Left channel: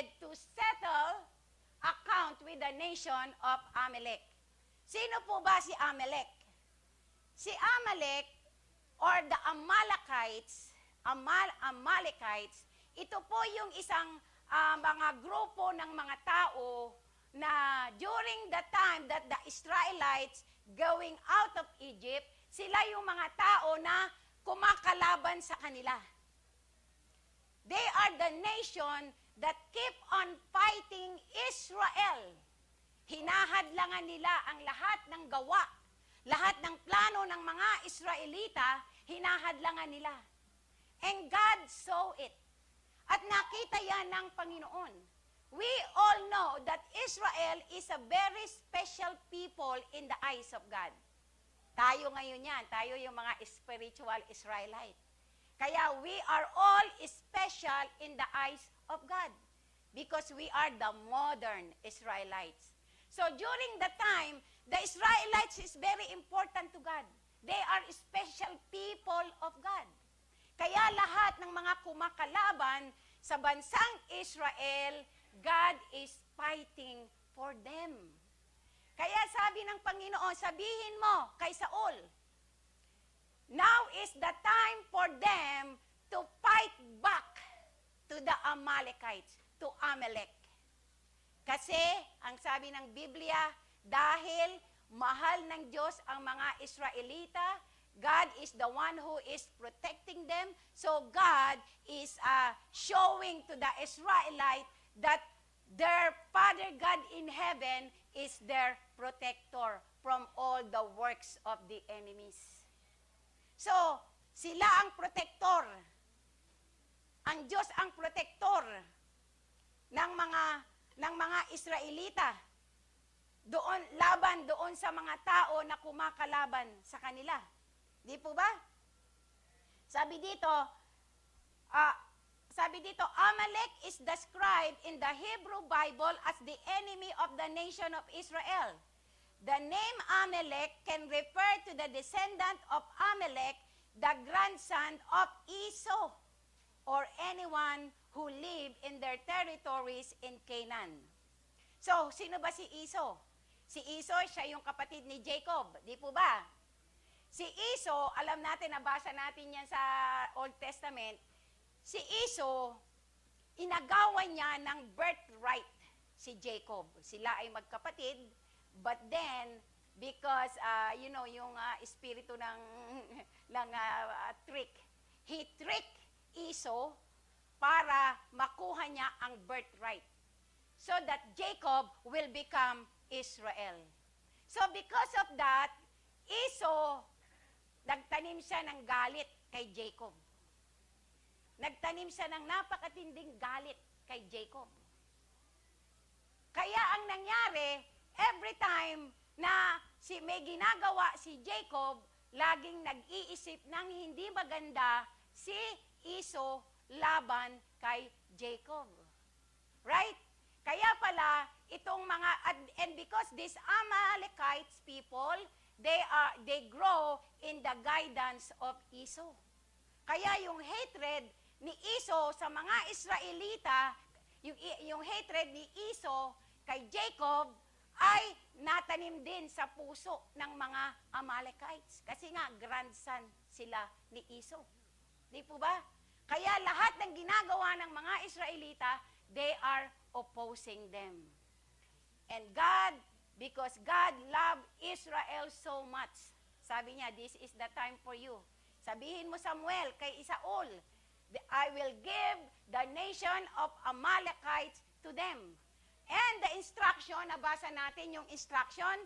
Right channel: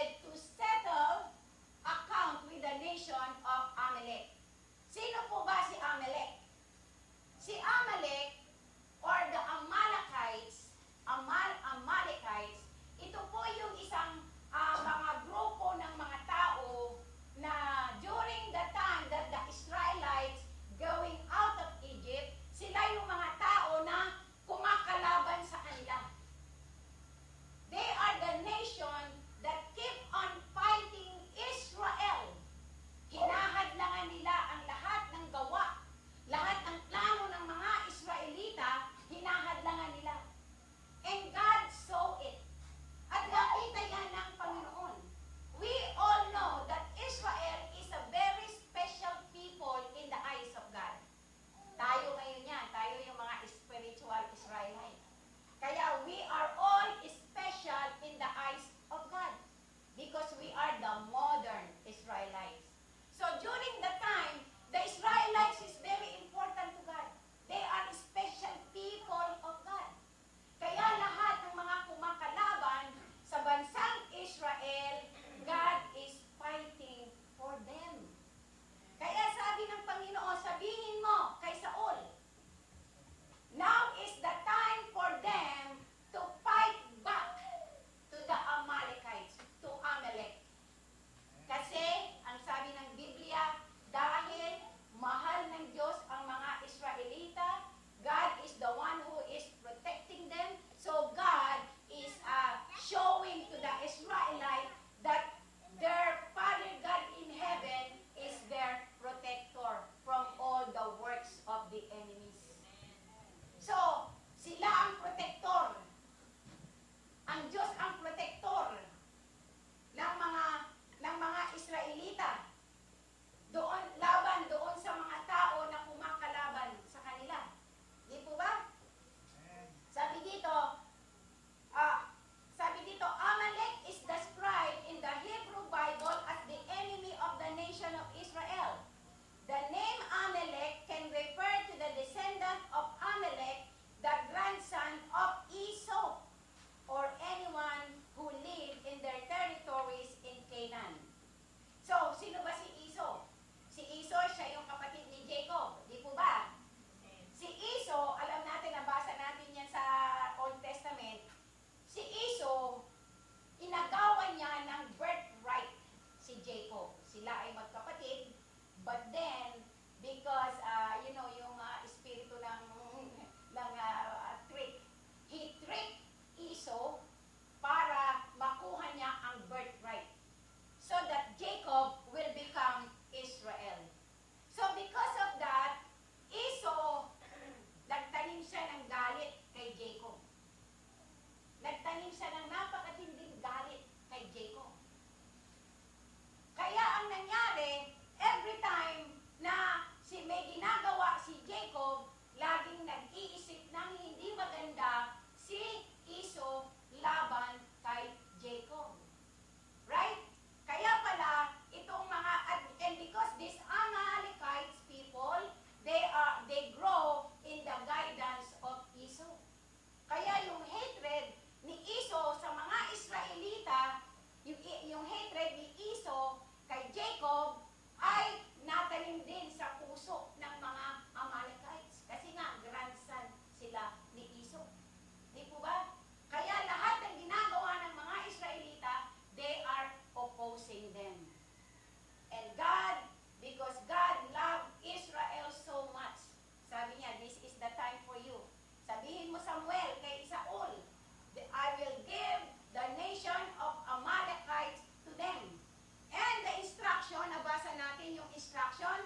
wanted to settle account with the nation of Amalek. Sino po ba si Amalek? Si Amalek or the Amalekites, ito po yung isang mga grupo ng mga tao na during the time that the Israelites going out of Egypt, sila yung mga tao na kumakalaban sa kanila. They are the nation that keep on fighting Israel. Hinahadlangan nila ang lahat ng gawa, lahat ng plano ng mga Israelita, hinahadlangan nila. And God saw it. At nakita yan ng Panginoon. We all know that Israel is a very special people in the eyes of God. Tayo ngayon yan. Tayo yung mga spiritual Israelite. Kaya we are all special in the eyes of God. Because we are the modern Israelites. So during the time, the Israelites is very important to God. They are special people of God. Kaya lahat ng mga kumakalaban sa bansang Israel, God is fighting for them. Kaya sabi ng Panginoon, sabihin mo kay Saul, now is the time for them to fight back to the Amalekites, to Amalek. Kasi, ang sabi ng Biblia, dahil mahal ng Diyos ang mga Israelita, God is the one who is protecting them. So God is showing to the Israelite that their Father God in heaven is their protector from all the works of the enemies. So, sila ang protector. Ang Diyos ang protector ng mga Israelita. Laban doon sa mga tao na kumakalaban sa kanila. Di po ba? Sabi dito, Amalek is described in the Hebrew Bible as the enemy of the nation of Israel. The name Amalek can refer to the descendant of Amalek, the grandson of Esau, or anyone who lived in their territories in Canaan. So, sino ba si Esau? Si Esau, siya yung kapatid ni Jacob. Di po ba? Si Esau, alam natin, nabasa natin yan sa Old Testament. Si Esau, inagawan niya ng birthright si Jacob. Sila ay magkapatid, but then, because, yung espiritu ng trick, he tricked Esau para makuha niya ang birthright. So that Jacob will become Israel. So because of that, Esau, nagtanim siya ng galit kay Jacob. Nagtanim siya ng napakatinding galit kay Jacob. Kaya ang nangyari, every time na may ginagawa si Jacob, laging nag-iisip ng hindi maganda si Esau laban kay Jacob. Right? Kaya pala, itong mga, and because these Amalekites people, they grow in the guidance of Esau. Kaya yung hatred ni Esau sa mga Israelita, yung hatred ni Esau kay Jacob, ay natanim din sa puso ng mga Amalekites. Kasi nga, grandson sila ni Esau. Di po ba? Kaya lahat ng ginagawa ng mga Israelita, they are opposing them. And God, because God loved Israel so much, sabi niya, this is the time for you. Sabihin mo, Samuel, kay Saul, I will give the nation of Amalekites to them. And the instruction, nabasa natin yung instruction,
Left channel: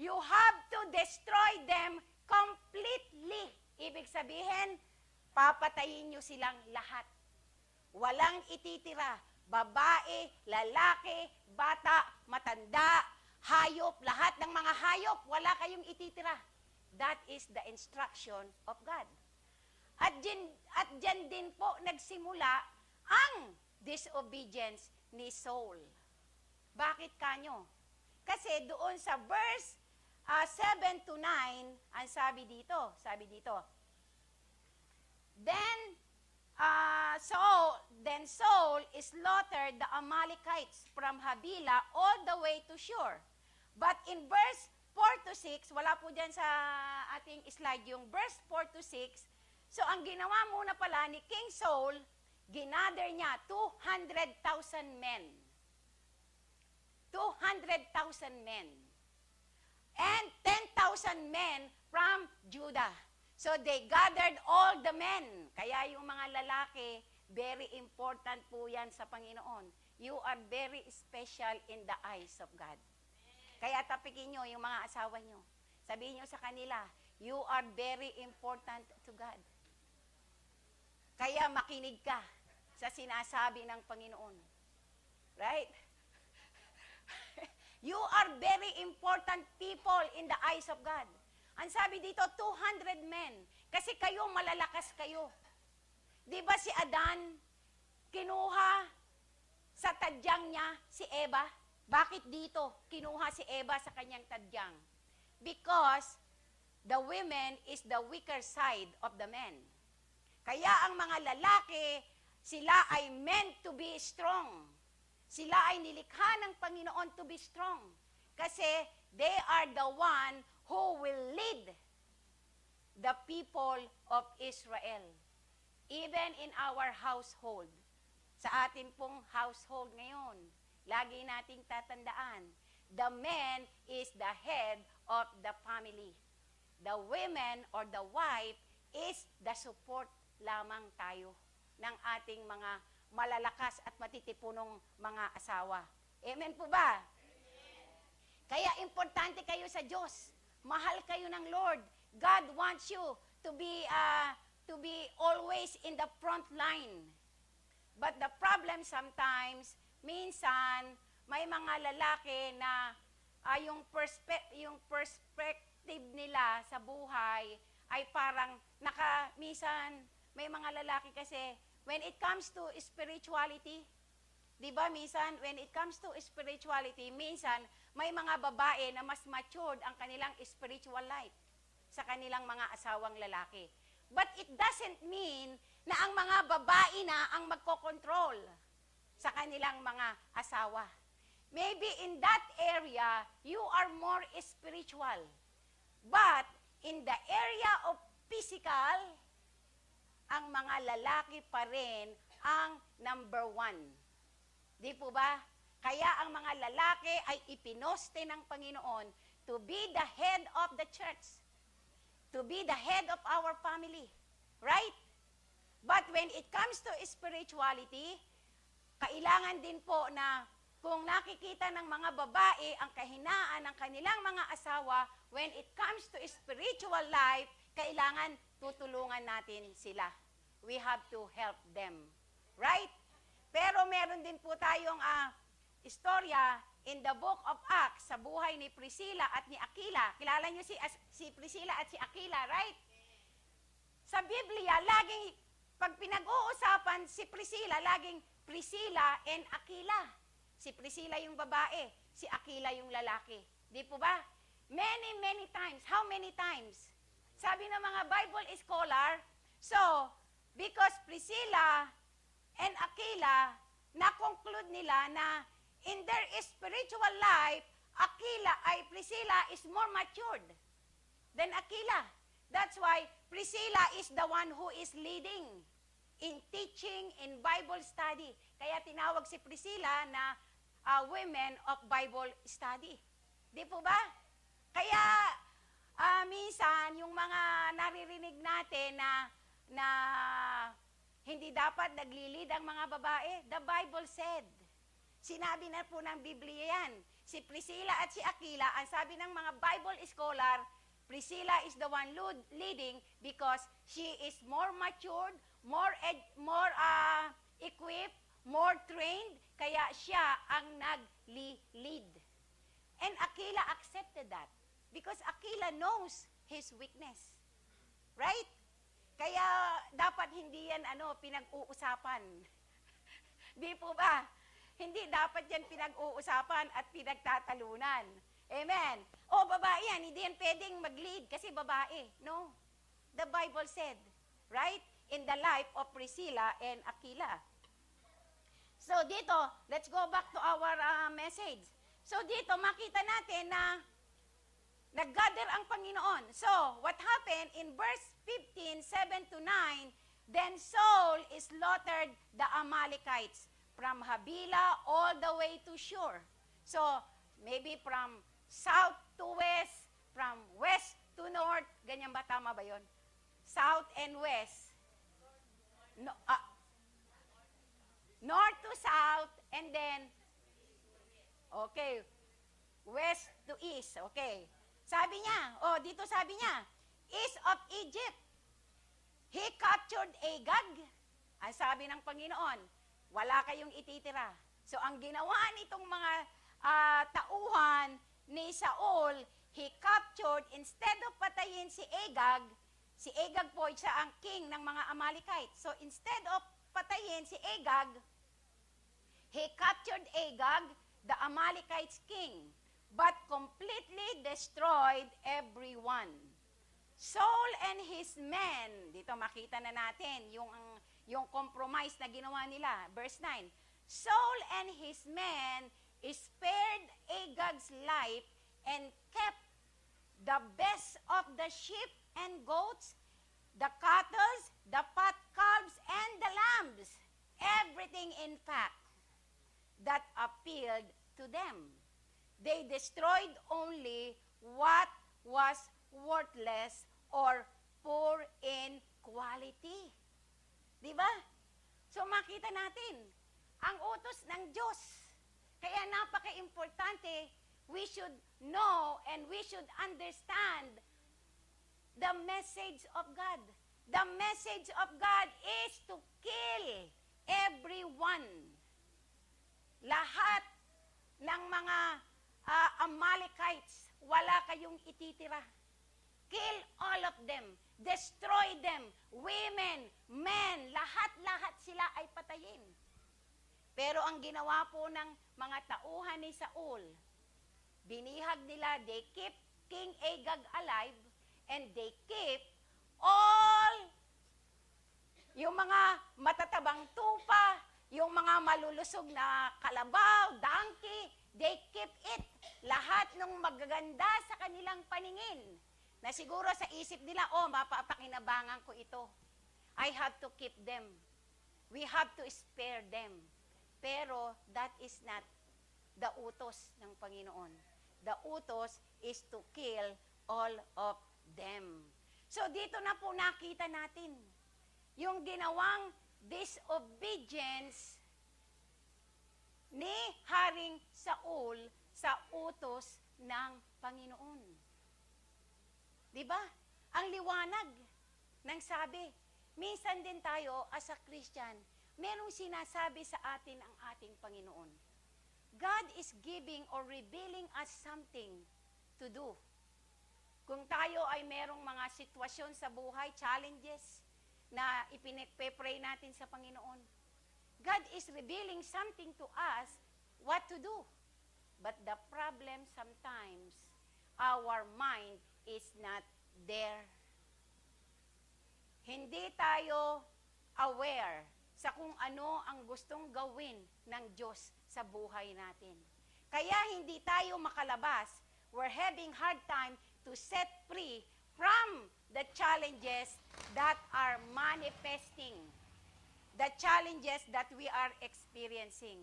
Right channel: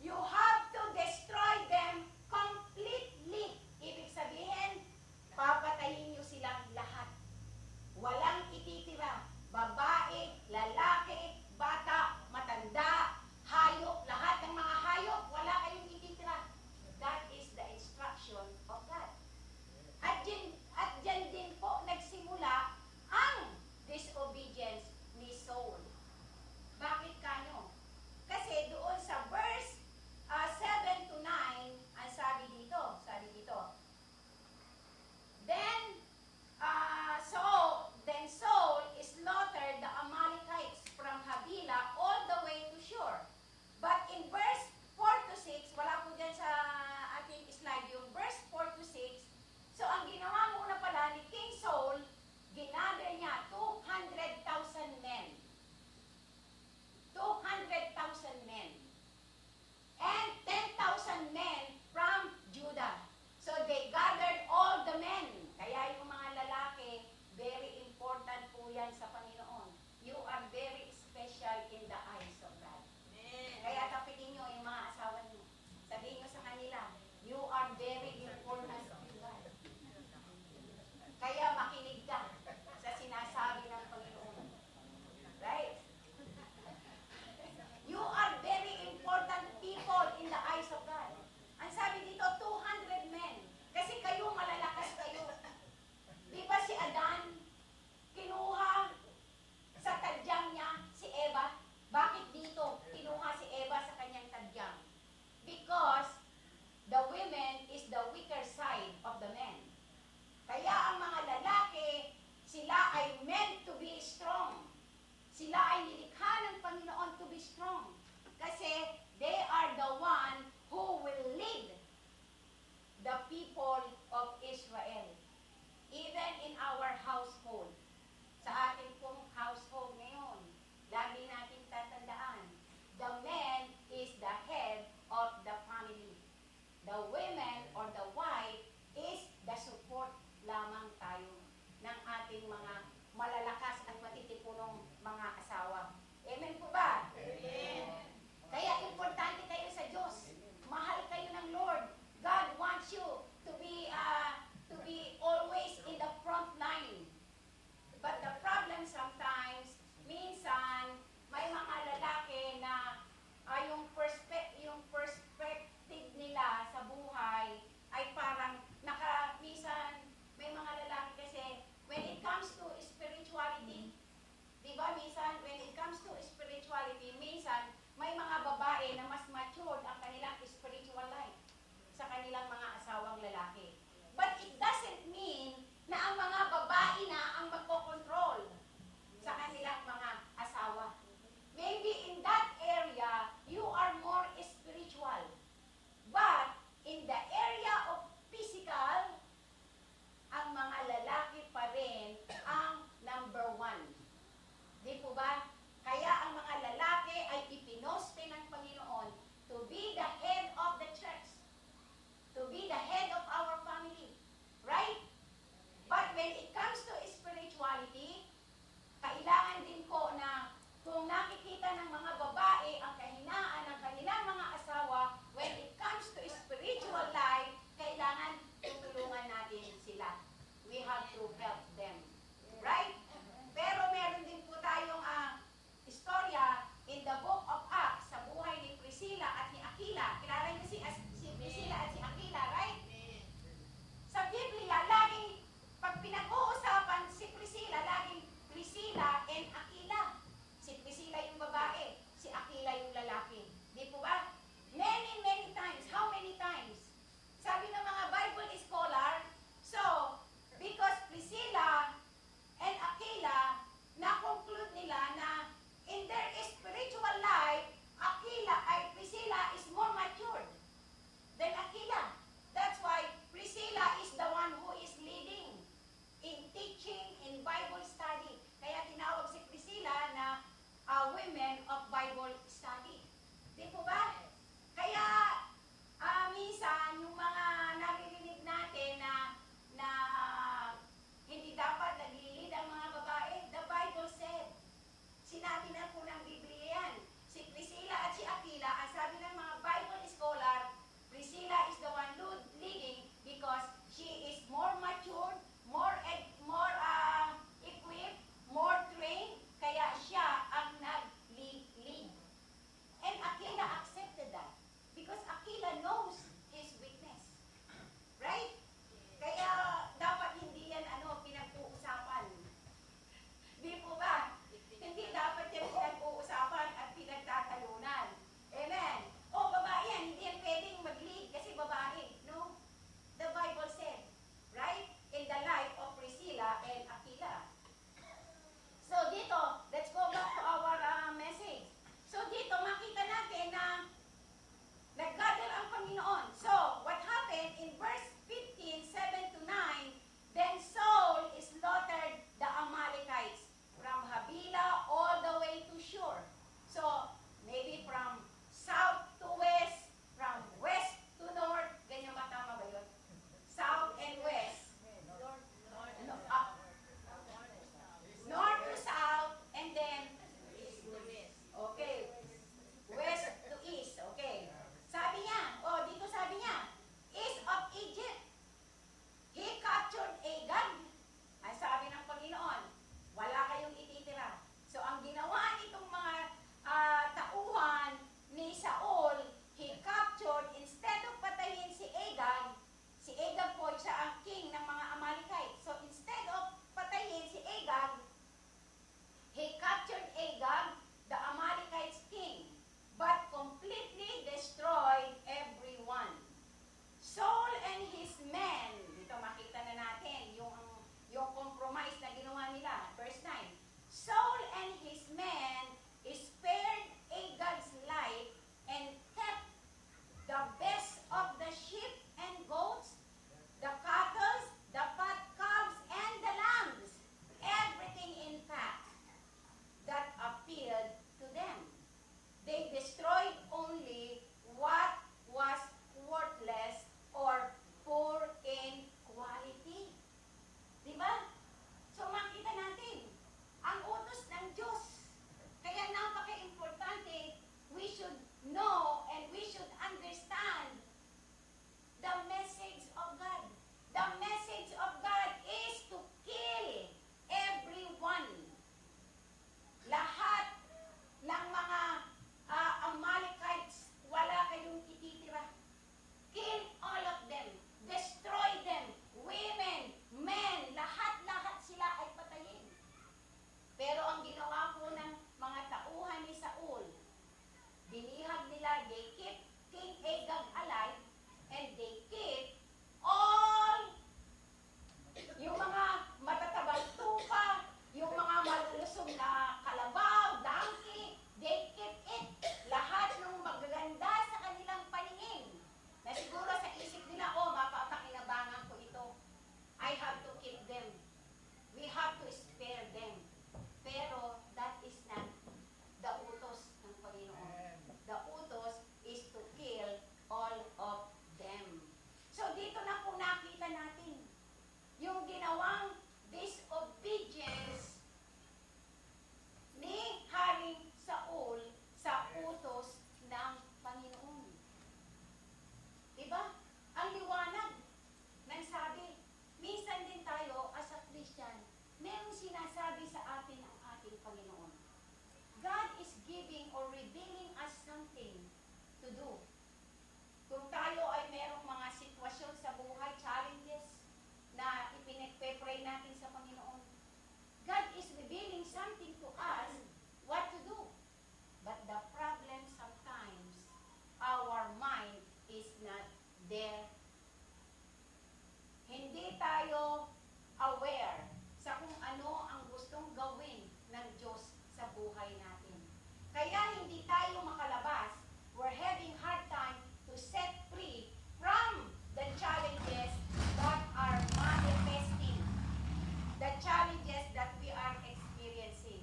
you have to destroy them completely. Ibig sabihin, papatayin nyo silang lahat. Walang ititira. Babae, lalaki, bata, matanda, hayop, lahat ng mga hayop, wala kayong ititira. That is the instruction of God. At dyan din po nagsimula ang disobedience ni Saul. Bakit kanyo? Kasi doon sa verse 7 to 9, ang sabi dito, Then Saul slaughtered the sa Panginoon. You are very special in the eyes of God. Kaya tapikin nyo yung mga asawa nyo. Sabihin nyo sa kanila, you are very important to God. Kaya makinig ka sa sinasabi ng Panginoon. Right? You are very important people in the eyes of God. Ang sabi dito, 200 men. Kasi kayo, malalakas kayo. Di ba si Adan, kinuha sa tadyang niya si Eva? Bakit dito kinuha si Eva sa kanyang tadyang? Because the women is the weaker side of the men. Kaya ang mga lalaki, sila ay meant to be strong. Sila ay nilikha ng Panginoon to be strong. Kasi they are the one who will lead the people of Israel. Even in our household. Sa atin pong household ngayon, lagi nating tatandaan, the man is the head of the family. The women or the wife is the support lamang tayo ng ating mga malalakas at matitipunong mga asawa. Amen po ba? Amen. Kaya importante kayo sa Diyos. Mahal kayo ng Lord. God wants you to be always in the front line. But the problem sometimes, minsan, may mga lalaki na yung perspective nila sa buhay ay parang minsan, may mga lalaki kasi, when it comes to spirituality, di ba minsan, when it comes to spirituality, minsan, may mga babae na mas matured ang kanilang spiritual life sa kanilang mga asawang lalaki. But it doesn't mean na ang mga babae na ang magkocontrol sa kanilang mga asawa. Maybe in that area, you are more spiritual. But in the area of physical, ang mga lalaki pa rin ang number one. Di po ba? Kaya ang mga lalaki ay ipinoste ng Panginoon to be the head of the church. To be the head of our family. Right? But when it comes to spirituality, kailangan din po na kung nakikita ng mga babae ang kahinaan ng kanilang mga asawa, when it comes to spiritual life, kailangan tutulungan natin sila. We have to help them. Right? Pero meron din po tayong istorya in the book of Acts sa buhay ni Priscilla at ni Aquila. Kilala niyo si Priscilla at si Aquila, right? Sa Biblia, laging pag pinag-uusapan si Priscilla, laging Priscilla and Aquila. Si Priscilla yung babae, si Aquila yung lalaki. Di po ba? Many, many times. How many times? Sabi ng mga Bible scholar, so, because Priscilla and Aquila, na-conclude nila na in their spiritual life, Priscilla is more matured than Aquila. That's why Priscilla is the one who is leading in teaching, in Bible study. Kaya tinawag si Priscilla na women of Bible study. Di po ba? Kaya minsan yung mga naririnig natin na hindi dapat naglilid ang mga babae, the Bible said. Sinabi na po ng Biblia yan. Si Priscilla at si Aquila, ang sabi ng mga Bible scholar, Priscilla is the one leading because she is more matured, more equipped, more trained, kaya siya ang nag-lead. And Aquila accepted that because Aquila knows his weakness. Right? Kaya dapat hindi yan pinag-uusapan. Di po ba? Hindi dapat yan pinag-uusapan at pinagtatalunan. Amen. O, babae yan. Hindi yan pwedeng mag-lead kasi babae. No? The Bible said, right? In the life of Priscilla and Aquila. So, dito, let's go back to our message. So, dito, makita natin na nag-gather ang Panginoon. So, what happened in verse 15, 7 to 9, then Saul slaughtered the Amalekites from Havilah all the way to Shur. So, maybe from south to west, from west to north, ganyan ba? Tama ba yun? South and west. North to south. they destroyed only what was worthless or poor in quality. Di ba? So makita natin, ang utos ng Diyos. Kaya napaka-importante, we should know and we should understand the message of God. The message of God is to kill everyone. Lahat ng mga Amalekites, wala kayong ititira. Kill all of them. Destroy them. Women, men, lahat-lahat sila ay patayin. Pero ang ginawa po ng mga tauhan ni Saul, binihag nila, they keep King Agag alive, and they keep all yung mga matatabang tupa, yung mga malulusog na kalabaw, donkey, they keep it. Lahat ng magaganda sa kanilang paningin. Na siguro sa isip nila, oh, mapapakinabangan ko ito. I have to keep them. We have to spare them. Pero that is not the utos ng Panginoon. The utos is to kill all of them. So dito na po nakita natin yung ginawang disobedience ni Haring Saul sa utos ng Panginoon. Diba? Ang liwanag ng sabi, minsan din tayo as a Christian, merong sinasabi sa atin ang ating Panginoon. God is giving or revealing us something to do. Kung tayo ay merong mga sitwasyon sa buhay, challenges, na ipinagpe-pray natin sa Panginoon, God is revealing something to us what to do. But the problem sometimes, our mind is not there. Hindi tayo aware sa kung ano ang gustong gawin ng Diyos sa buhay natin. Kaya hindi tayo makalabas. We're having hard time to set free from the challenges that are manifesting, the challenges that we are experiencing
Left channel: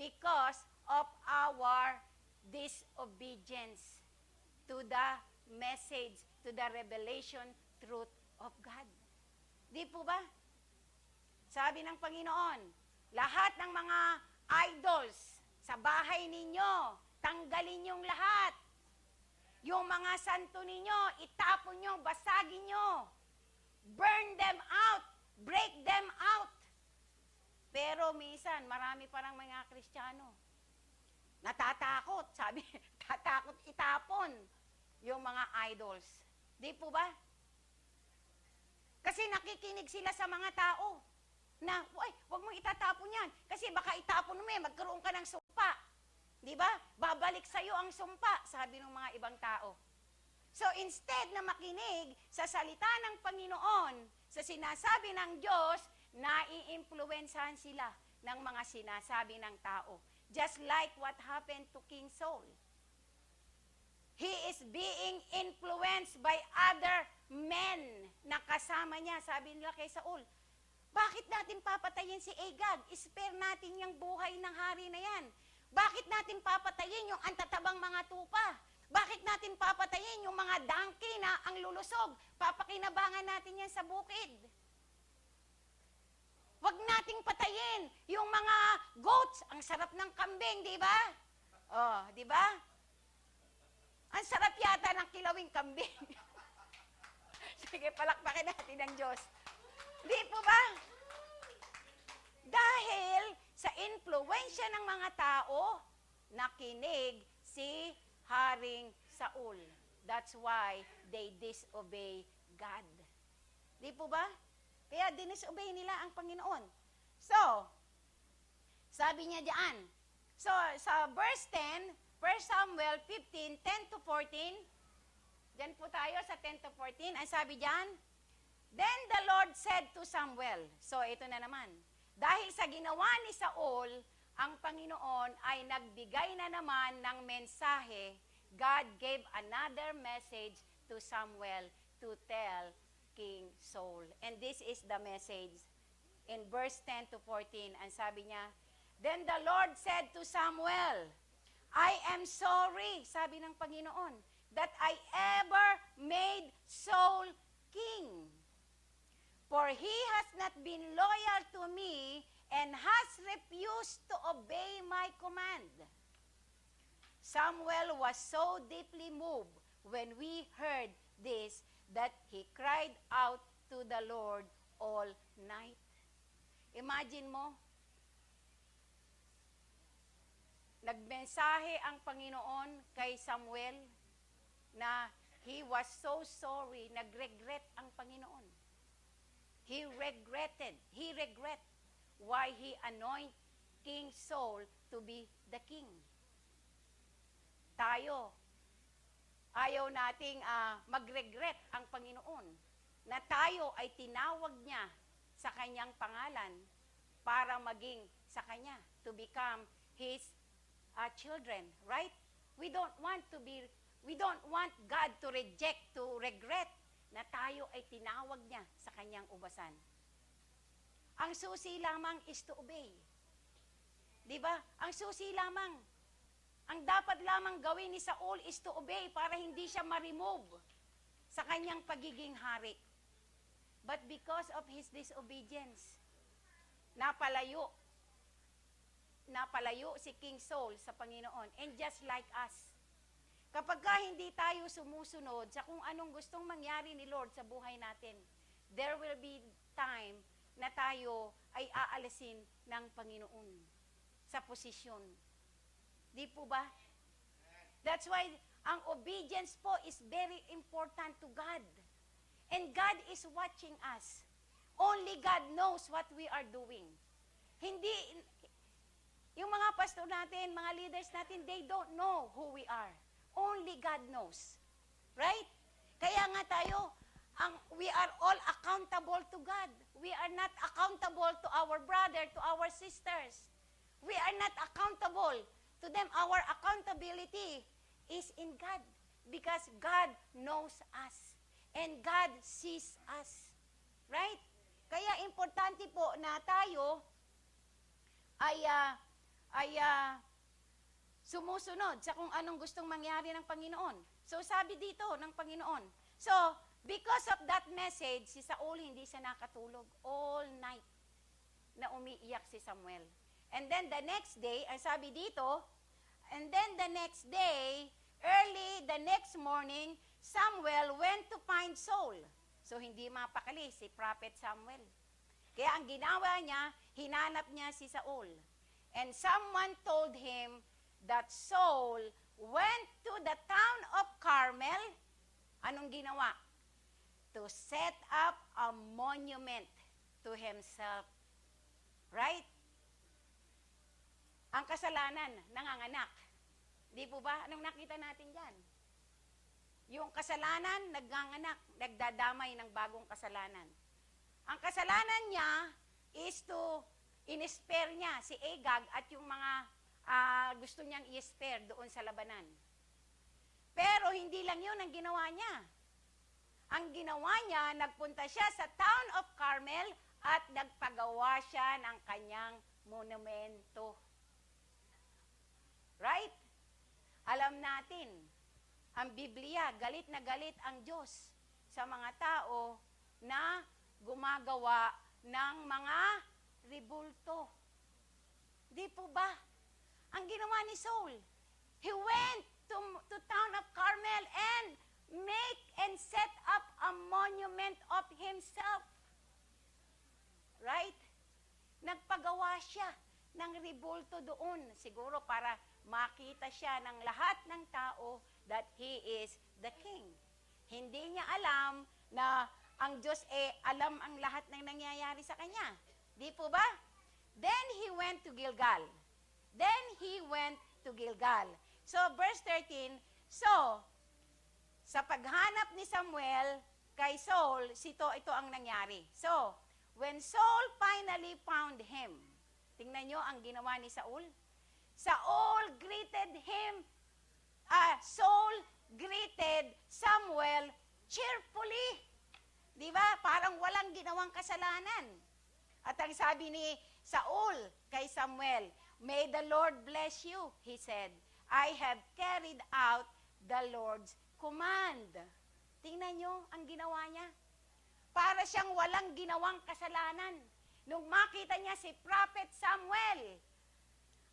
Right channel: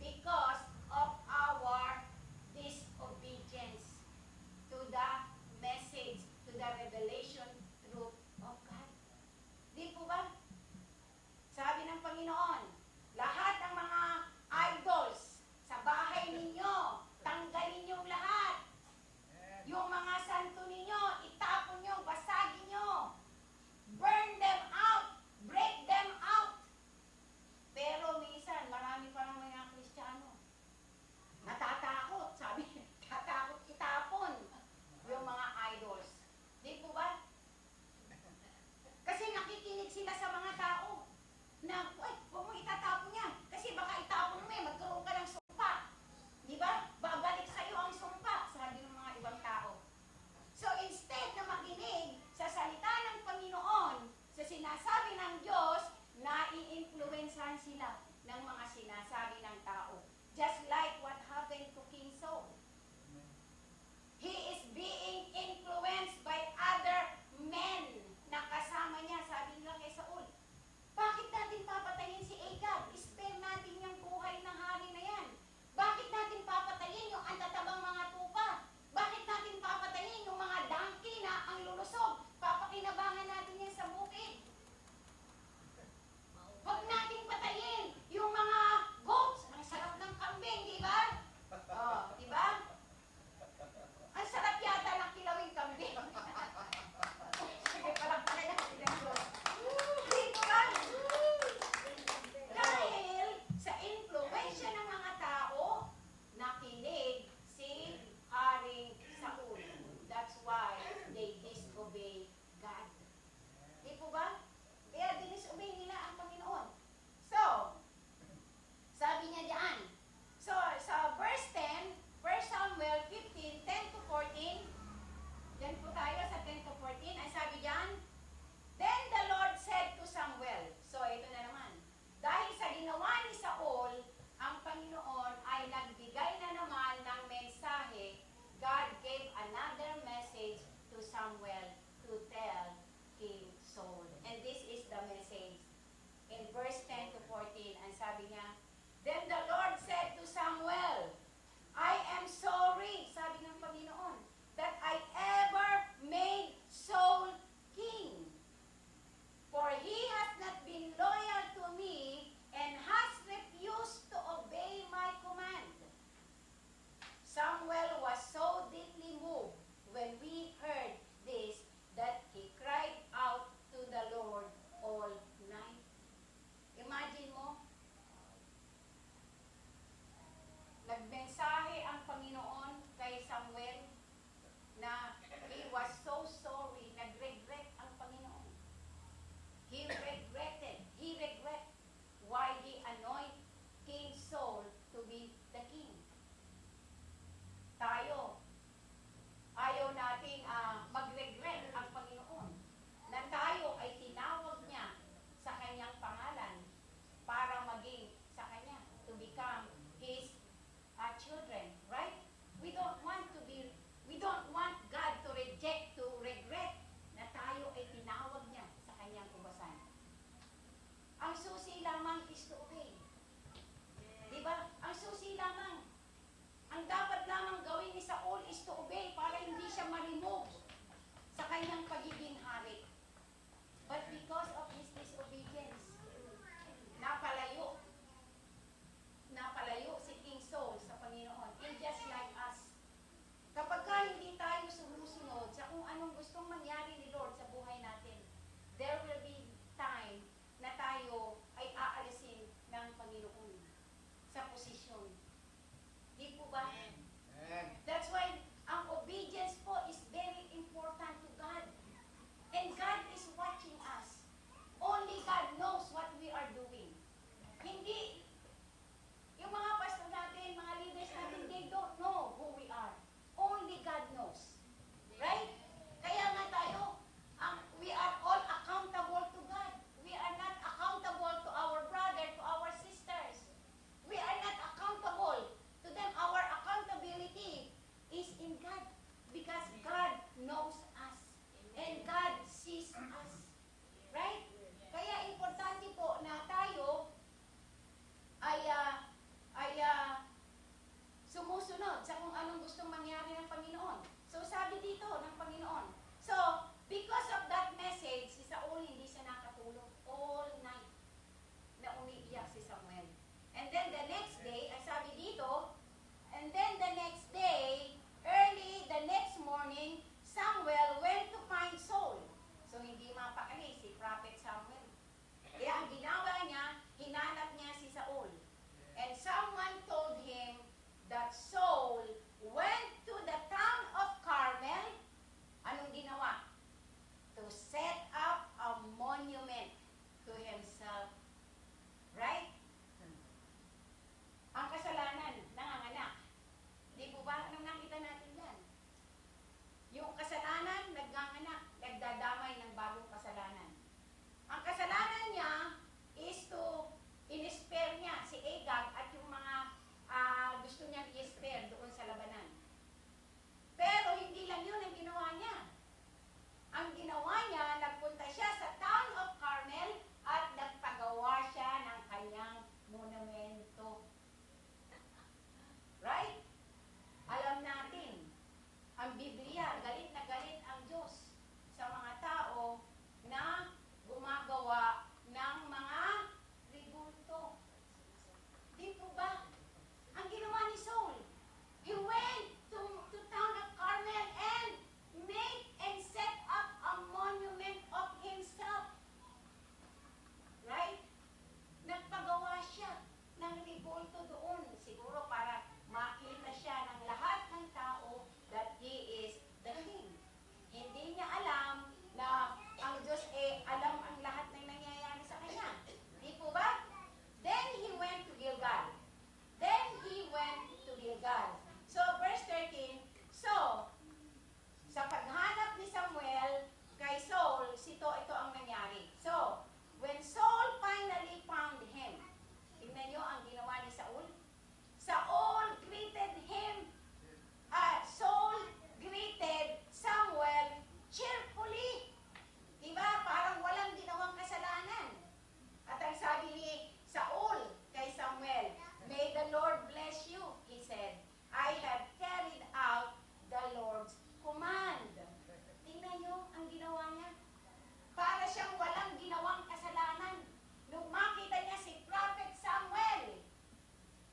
because of our disobedience to the message, to the revelation truth of God. Di po ba? Sabi ng Panginoon, lahat ng mga idols sa bahay ninyo, tanggalin yung lahat. Yung mga santo ninyo, itapon nyo, basagin nyo. Burn them out. Break them out. Pero minsan, marami parang mga Kristiyano, natatakot. Sabi, tatakot itapon yung mga idols. Di po ba? Kasi nakikinig sila sa mga tao na, "Uy, huwag mo itatapon yan. Kasi baka itapon mo magkaroon ka ng sumpa." Di ba? Babalik sa'yo ang sumpa, sabi ng mga ibang tao. So instead na makinig sa salita ng Panginoon, sa sinasabi ng Diyos, nai-influensahan sila ng mga sinasabi ng tao. Just like what happened to King Saul. He is being influenced by other men na kasama niya. Sabi nila kay Saul, bakit natin papatayin si Agag? Spare natin yung buhay ng hari na yan. Bakit natin papatayin yung antatabang mga tupa? Bakit natin papatayin yung mga donkey na ang lulusog? Papakinabangan natin yan sa bukid. Huwag nating patayin yung mga goats. Ang sarap ng kambing, di ba? Oh, di ba? Ang sarap yata ng kilawing kambing. Sige, palakpakan natin ang Diyos. Di po ba? Dahil sa influensya ng mga tao, nakinig si Haring Saul. That's why they disobey God. Di po ba? Kaya dinisobey nila ang Panginoon. So, sabi niya diyan, so sa verse 10, 1 Samuel 15, 10 to 14, diyan po tayo sa 10 to 14, ang sabi diyan, then the Lord said to Samuel, so ito na naman, dahil sa ginawa ni Saul, ang Panginoon ay nagbigay na naman ng mensahe. God gave another message to Samuel to tell King Saul. And this is the message in verse 10 to 14. Ang sabi niya, then the Lord said to Samuel, I am sorry na he was so sorry, nag-regret ang Panginoon. He regret why he anoint King Saul to be the king. Tayo, ayaw nating mag-regret ang Panginoon na tayo ay tinawag niya sa kanyang pangalan para maging sa kanya, to become his children, right? We don't want God to reject, to regret na tayo ay tinawag niya sa kanyang ubasan. Ang susi lamang is to obey. Di ba? Ang susi lamang. Ang dapat lamang gawin ni Saul is to obey para hindi siya ma-remove sa kanyang pagiging hari. But because of his disobedience, napalayo si King Saul sa Panginoon. And just like us, kapag hindi tayo sumusunod sa kung anong gustong mangyari ni Lord sa buhay natin, there will be time na tayo ay aalisin ng Panginoon sa posisyon. Di po ba? That's why ang obedience po is very important to God. And God is watching us. Only God knows what we are doing. Hindi, yung mga pastor natin, mga leaders natin, they don't know who we are. Only God knows. Right? Kaya nga tayo, we are all accountable to God. We are not accountable to our brother, to our sisters. We are not accountable to them. Our accountability is in God. Because God knows us. And God sees us. Right? Kaya importante po na tayo ay sumusunod sa kung anong gustong mangyari ng Panginoon. So, sabi dito ng Panginoon. So, because of that message, si Saul hindi siya nakatulog all night na umiiyak si Samuel. And then the next day, ay sabi dito, and then the next day, early the next morning, Samuel went to find Saul. So, hindi mapakali si Prophet Samuel. Kaya ang ginawa niya, hinanap niya si Saul. And someone told him that Saul went to the town of Carmel. Anong ginawa? To set up a monument to himself. Right? Ang kasalanan, nanganganak. Di po ba? Anong nakita natin dyan? Yung kasalanan, nagnganganak, nagdadamay ng bagong kasalanan. Ang kasalanan niya is to in-spare niya si Agag at yung mga gusto niyang i-spare doon sa labanan. Pero hindi lang yun ang ginawa niya. Ang ginawa niya, nagpunta siya sa town of Carmel at nagpagawa siya ng kanyang monumento. Right? Alam natin, ang Biblia, galit na galit ang Diyos sa mga tao na gumagawa ng mga ribulto. Di po ba? Ang ginawa ni Saul, he went to town of Carmel and make and set up a monument of himself. Right? Nagpagawa siya ng ribulto doon. Siguro para makita siya ng lahat ng tao that he is the king. Hindi niya alam na ang Diyos alam ang lahat ng nangyayari sa kanya. Di po ba? Then he went to Gilgal. So, verse 13, so, sa paghanap ni Samuel kay Saul, ito ang nangyari. So, when Saul finally found him, tingnan nyo ang ginawa ni Saul. Saul greeted Samuel cheerfully. Di ba? Parang walang ginawang kasalanan. At ang sabi ni Saul kay Samuel, "May the Lord bless you," he said. "I have carried out the Lord's command." Tingnan nyo ang ginawa niya. Para siyang walang ginawang kasalanan. Nung makita niya si Prophet Samuel,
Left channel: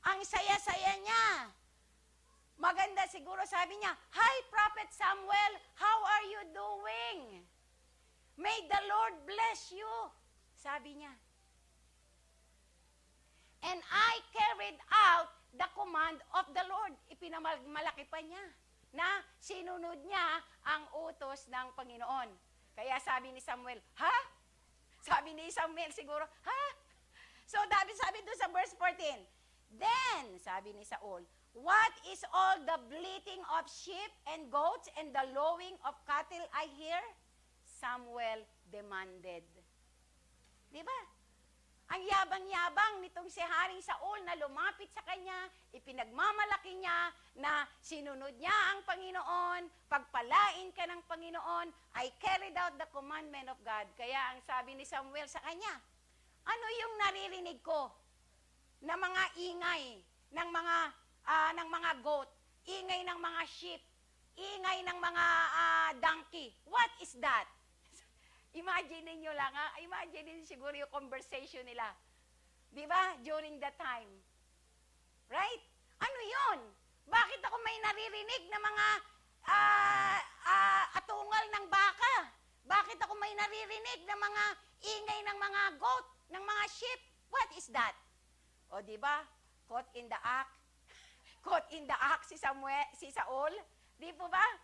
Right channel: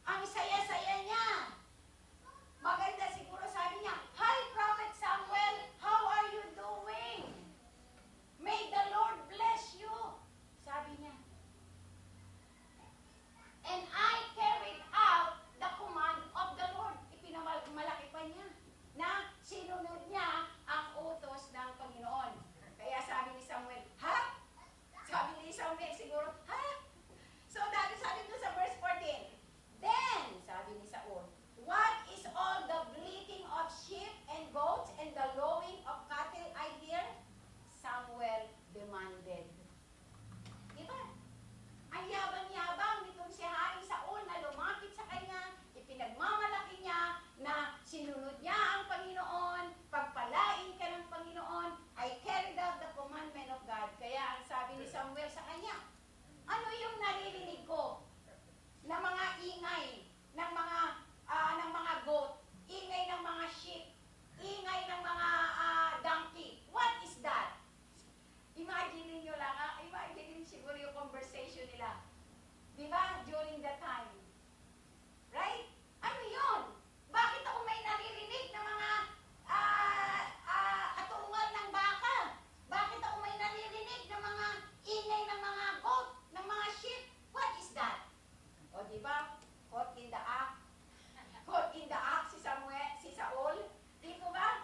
ang saya-saya niya. Maganda siguro sabi niya, "Hi Prophet Samuel, how are you doing? May the Lord bless you." Sabi niya. "And I carried out the command of the Lord." Ipinamalaki pa niya na sinunod niya and goats and the lowing of cattle I hear? Samuel demanded. Diba? Ang yabang-yabang nitong si Haring Saul na lumapit sa kanya, ipinagmamalaki niya na sinunod niya ang Panginoon, pagpalain ka ng Panginoon, I carried out the commandment of God. Kaya ang sabi ni Samuel sa kanya, ano yung naririnig ko na mga ingay ng mga goat, ingay ng mga sheep, ingay ng mga donkey? What is that? Imagine niyo lang, imagine siguro yung conversation nila. Di ba? During that time. Right? Ano yun? Bakit ako may naririnig na mga atungal ng baka? Bakit ako may naririnig na mga ingay ng mga goat, ng mga sheep? What is that? O di ba? Caught in the act. Caught in the act si Saul. Di po ba?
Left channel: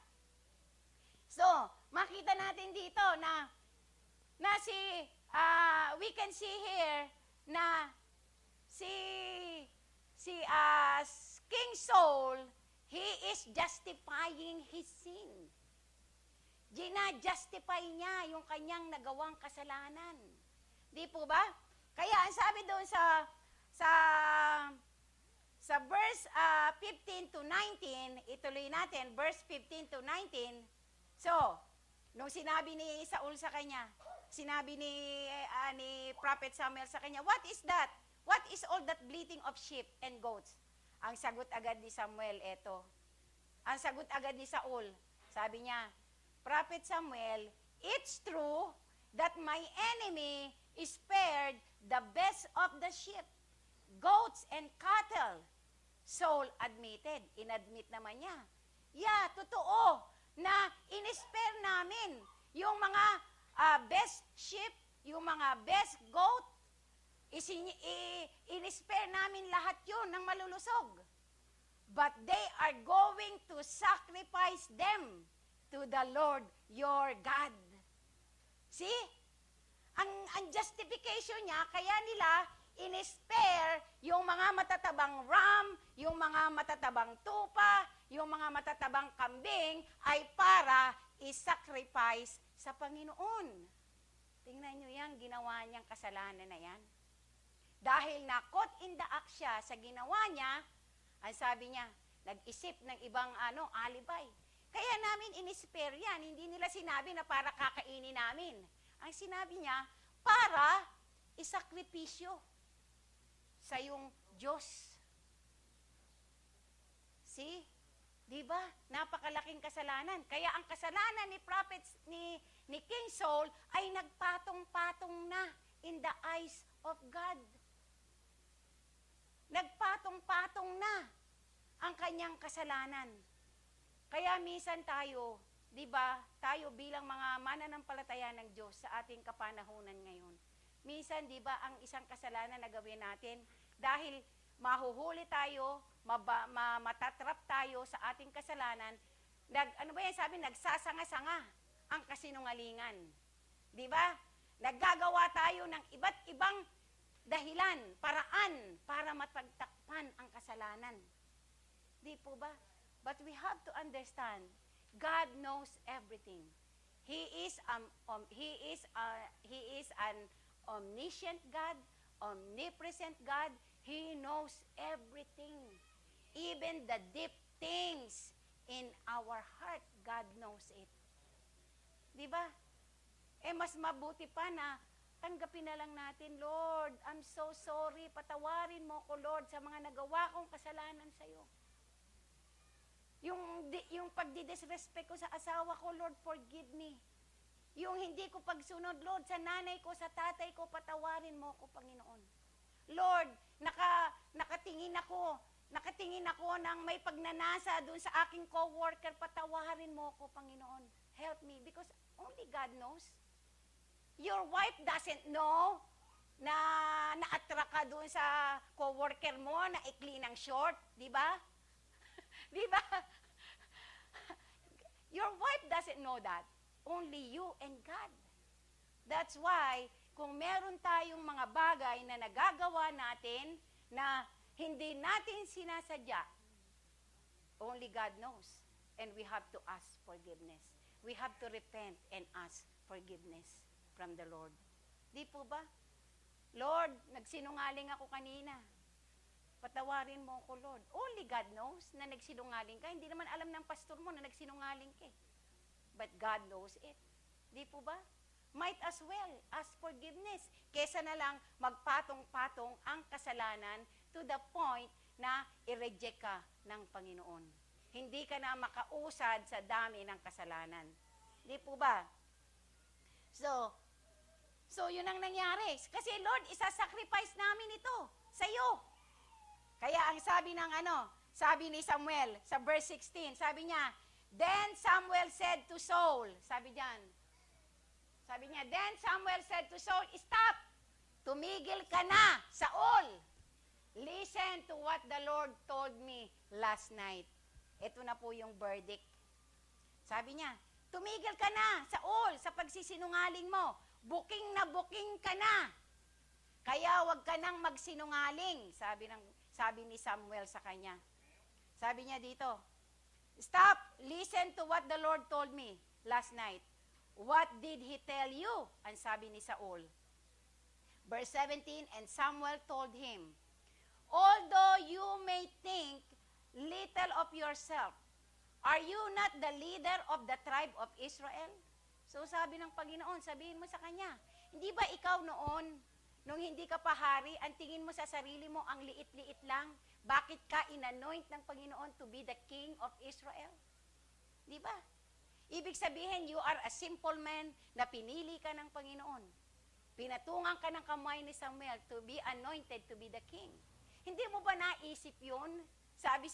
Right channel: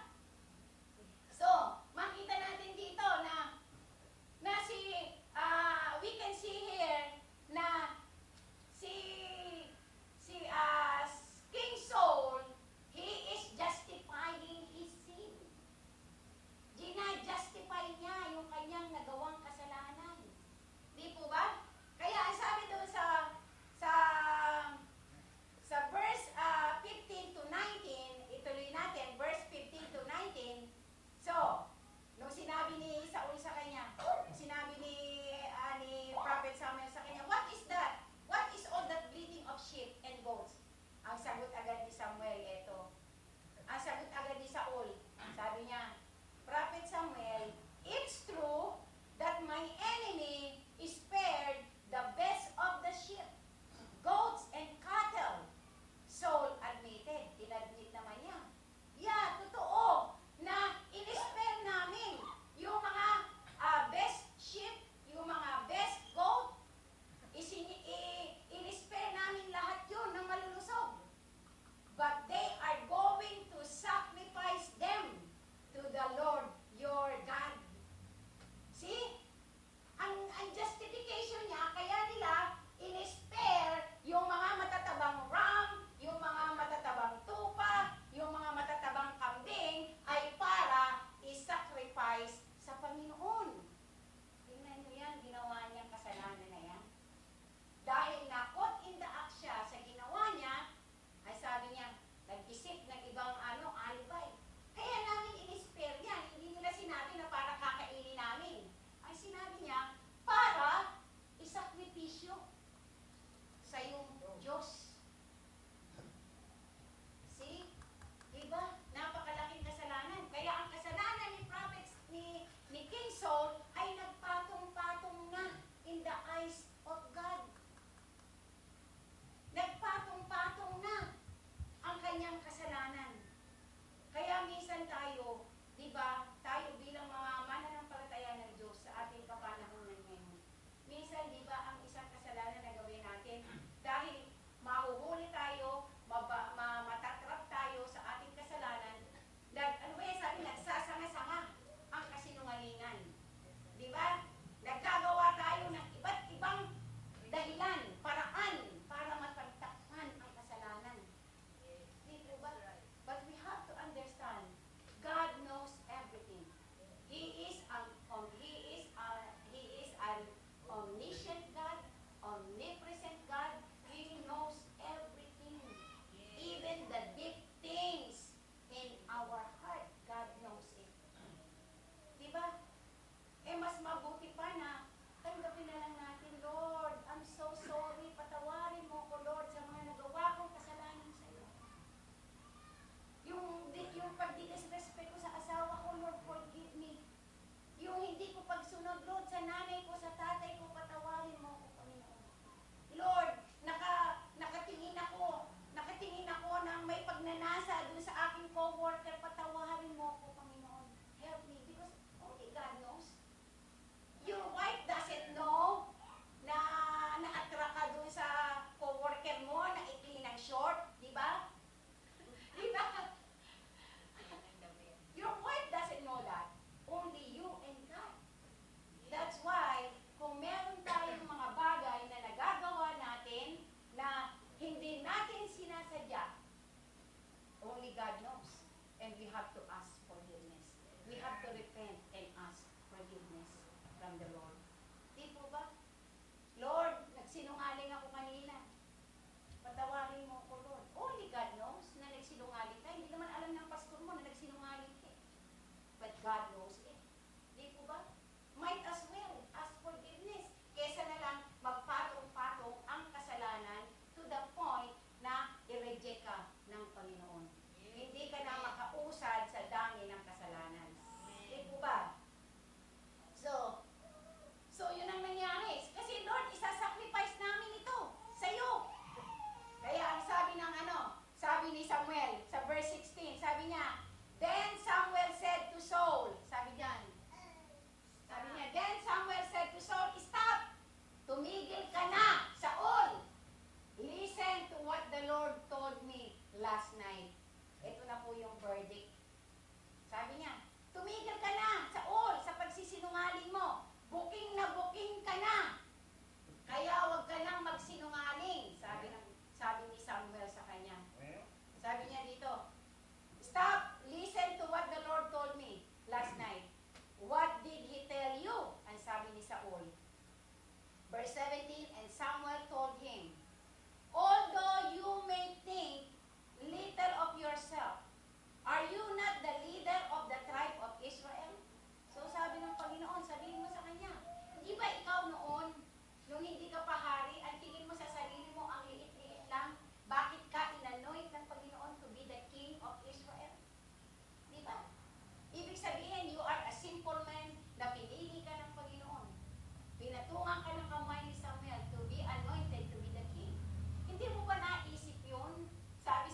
So, makita natin dito na we can see here na King Saul, he is justifying his sin. Gina-justify niya yung kanyang nagawang kasalanan. Di po ba? Kaya ang sabi doon sa verse 15 to 19, ituloy natin, verse 15 to 19. So, nung sinabi ni Saul sa kanya, sinabi ni Prophet Samuel sa kanya, what is that? What is all that bleating of sheep and goats? Ang sagot agad ni Samuel, eto. Ang sagot agad ni Saul, sabi niya, Prophet Samuel, it's true that my enemy is spared the best of the sheep, goats, and cattle. Saul admitted, inadmit naman niya. Yeah, totoo na in-spare namin yung mga best sheep, yung mga best goat, in-spare namin lahat yun ng malulusog. But they are going to sacrifice them to the Lord your God. See? Ang justification niya, kaya nila in-spare yung mga matatabang ram, yung mga matatabang tupa, yung mga matatabang kambing, ay para i-sacrifice sa Panginoon. Tingnan nyo yan, ginawa niyang kasalanan na yan. Dahil na-caught in the act siya sa ginawa niya, ay sabi niya, nag-isip ng ibang alibay. Kaya namin in-spare yan. Hindi nila sinabi na para kakainin namin. Ang sinabi niya, para isakripisyo sa iyong Diyos. See? Diba? Napakalaking kasalanan. Kaya ang kasalanan ni prophets ni King Saul ay nagpatong-patong na in the eyes of God. Nagpatong-patong na ang kanyang kasalanan. Kaya minsan tayo, di ba, tayo bilang mga mananampalataya ng Diyos sa ating kapanahunan ngayon. Minsan, di ba, ang isang kasalanan na gawin natin, dahil mahuhuli tayo, matatrap tayo sa ating kasalanan, nagsasanga-sanga ang kasinungalingan. Di ba? Naggagawa tayo ng iba't ibang dahilan, paraan, para matagtakpan ang kasalanan. Di po ba? But we have to understand, God knows everything. He is an omniscient God, omnipresent God. He knows everything. Even the deep things in our heart, God knows it. Di ba? Mas mabuti pa na tanggapin na lang natin, Lord, I'm so sorry, patawarin mo ko, Lord, sa mga nagawa kong kasalanan sa iyo. Yung pagdidisrespect ko sa asawa ko, Lord, forgive me. Yung hindi ko pagsunod, Lord, sa nanay ko, sa tatay ko, patawarin mo ko, Panginoon. Lord, nakatingin ako ng may pagnanasa dun sa aking co-worker, patawarin mo ko, Panginoon. Help me, because only God knows. Your wife doesn't know na na-attract ka dun sa co-worker mo, na ikli ng short, di ba? Di ba? Your wife doesn't know that. Only you and God. That's why, kung meron tayong mga bagay na nagagawa natin na hindi natin sinasadya, only God knows. and we have to ask forgiveness. We have to repent and ask forgiveness from the Lord. Di po ba? Lord, nagsinungaling ako kanina. Patawarin mo ako, Lord. Only God knows na nagsinungaling ka. Hindi naman alam ng pastor mo na nagsinungaling ka. But God knows it. Di po ba? Might as well ask forgiveness. Kesa na lang magpatong-patong ang kasalanan to the point na i-reject ka ng Panginoon. Hindi ka na makausad sa dami ng kasalanan. Di po ba? So yun ang nangyari. Kasi Lord, isa-sacrifice namin ito sa iyo. Kaya ang sabi ni Samuel sa verse 16, sabi niya, then Samuel said to Saul, sabi niya, then Samuel said to Saul, stop! Tumigil ka na, Saul! Listen to what the Lord told me last night. Ito na po yung verdict. Sabi niya, tumigil ka na, Saul, sa pagsisinungaling mo. Booking na booking ka na. Kaya wag ka nang magsinungaling, sabi ni Samuel sa kanya. Sabi niya dito, stop, listen to what the Lord told me last night. What did he tell you? Ang sabi ni Saul. Verse 17, and Samuel told him, although you may think little of yourself, are you not the leader of the tribe of Israel? So sabi ng Panginoon, sabihin mo sa kanya, hindi ba ikaw noon, nung hindi ka pa hari, ang tingin mo sa sarili mo, ang liit-liit lang, bakit ka inanoint ng Panginoon to be the king of Israel? Di ba? Ibig sabihin, you are a simple man na pinili ka ng Panginoon. Pinatungan ka ng kamay ni Samuel to be anointed to be the king. Hindi mo ba naisip yun? Sabi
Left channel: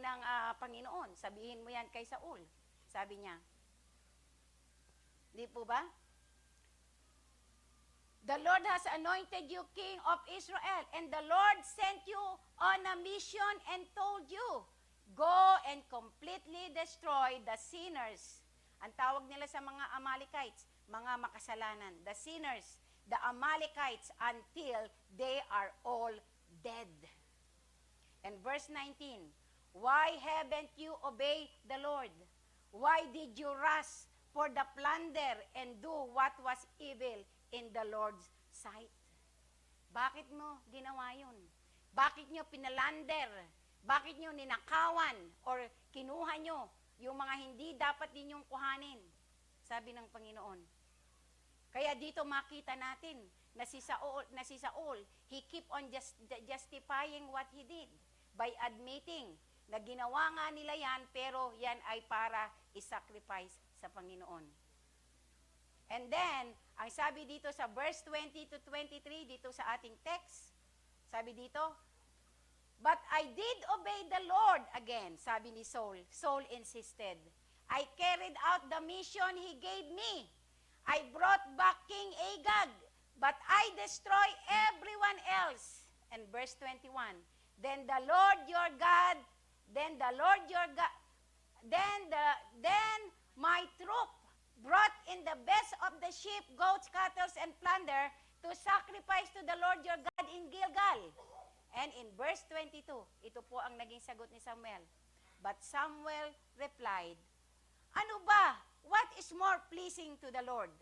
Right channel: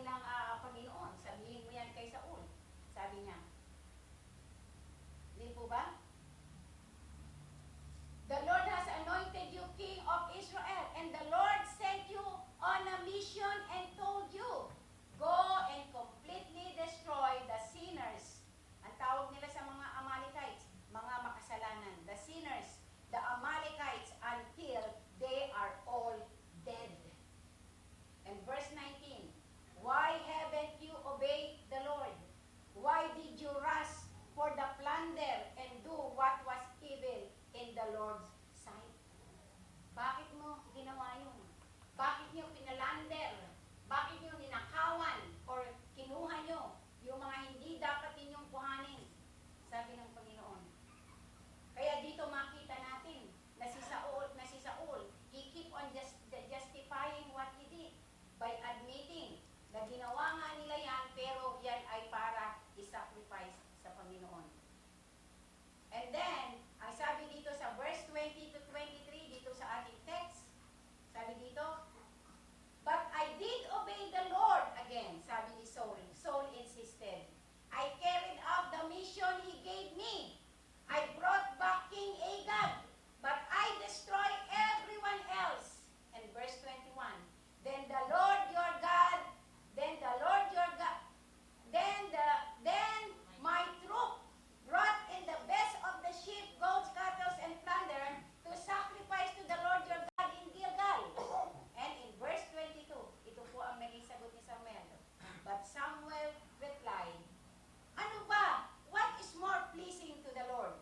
ng Panginoon, sabihin mo yan kay Saul. Sabi niya, di po ba? The Lord has anointed you king of Israel, and the Lord sent you on a mission and told you, go and completely destroy the sinners. Ang tawag nila sa mga Amalekites, mga makasalanan. The sinners, the Amalekites, until they are all dead. And verse 19, why haven't you obeyed the Lord? Why did you rush for the plunder and do what was evil in the Lord's sight? Bakit mo ginawa yun? Bakit nyo pinalander? Bakit nyo ninakawan or kinuha nyo yung mga hindi dapat ninyong kuhanin? Sabi ng Panginoon. Kaya dito makita natin na si Saul, he keep on justifying what he did by admitting na ginawa nga nila yan, pero yan ay para i-sacrifice sa Panginoon. And then, ang sabi dito sa verse 20 to 23, dito sa ating text, sabi dito, but I did obey the Lord again, sabi ni Saul. Saul insisted, I carried out the mission he gave me. I brought back King Agag, but I destroy everyone else. And verse 21, then my troop brought in the best of the sheep, goats, cattle, and plunder to sacrifice to the Lord your God in Gilgal. And in verse 22, ito po ang naging sagot ni Samuel. But Samuel replied, ano ba? What is more pleasing to the Lord?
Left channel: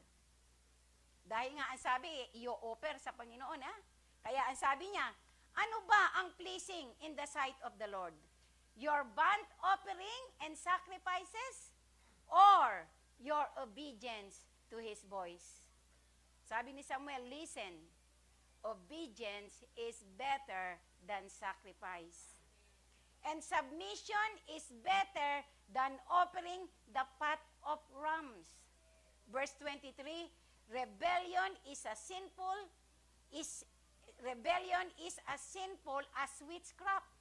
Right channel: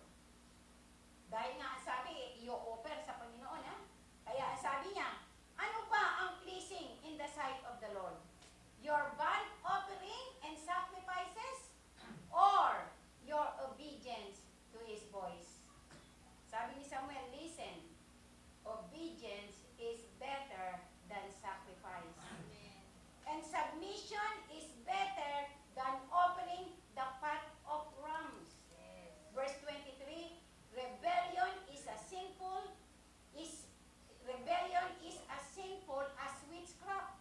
Dahil nga ang sabi, i-offer sa Panginoon, ha? Kaya ang sabi niya, ano ba ang pleasing in the sight of the Lord? Your burnt offering and sacrifices, or your obedience to His voice? Sabi ni Samuel, listen, obedience is better than sacrifice. And submission is better than offering the fat of rams. Verse 23, rebellion is as sinful as witchcraft,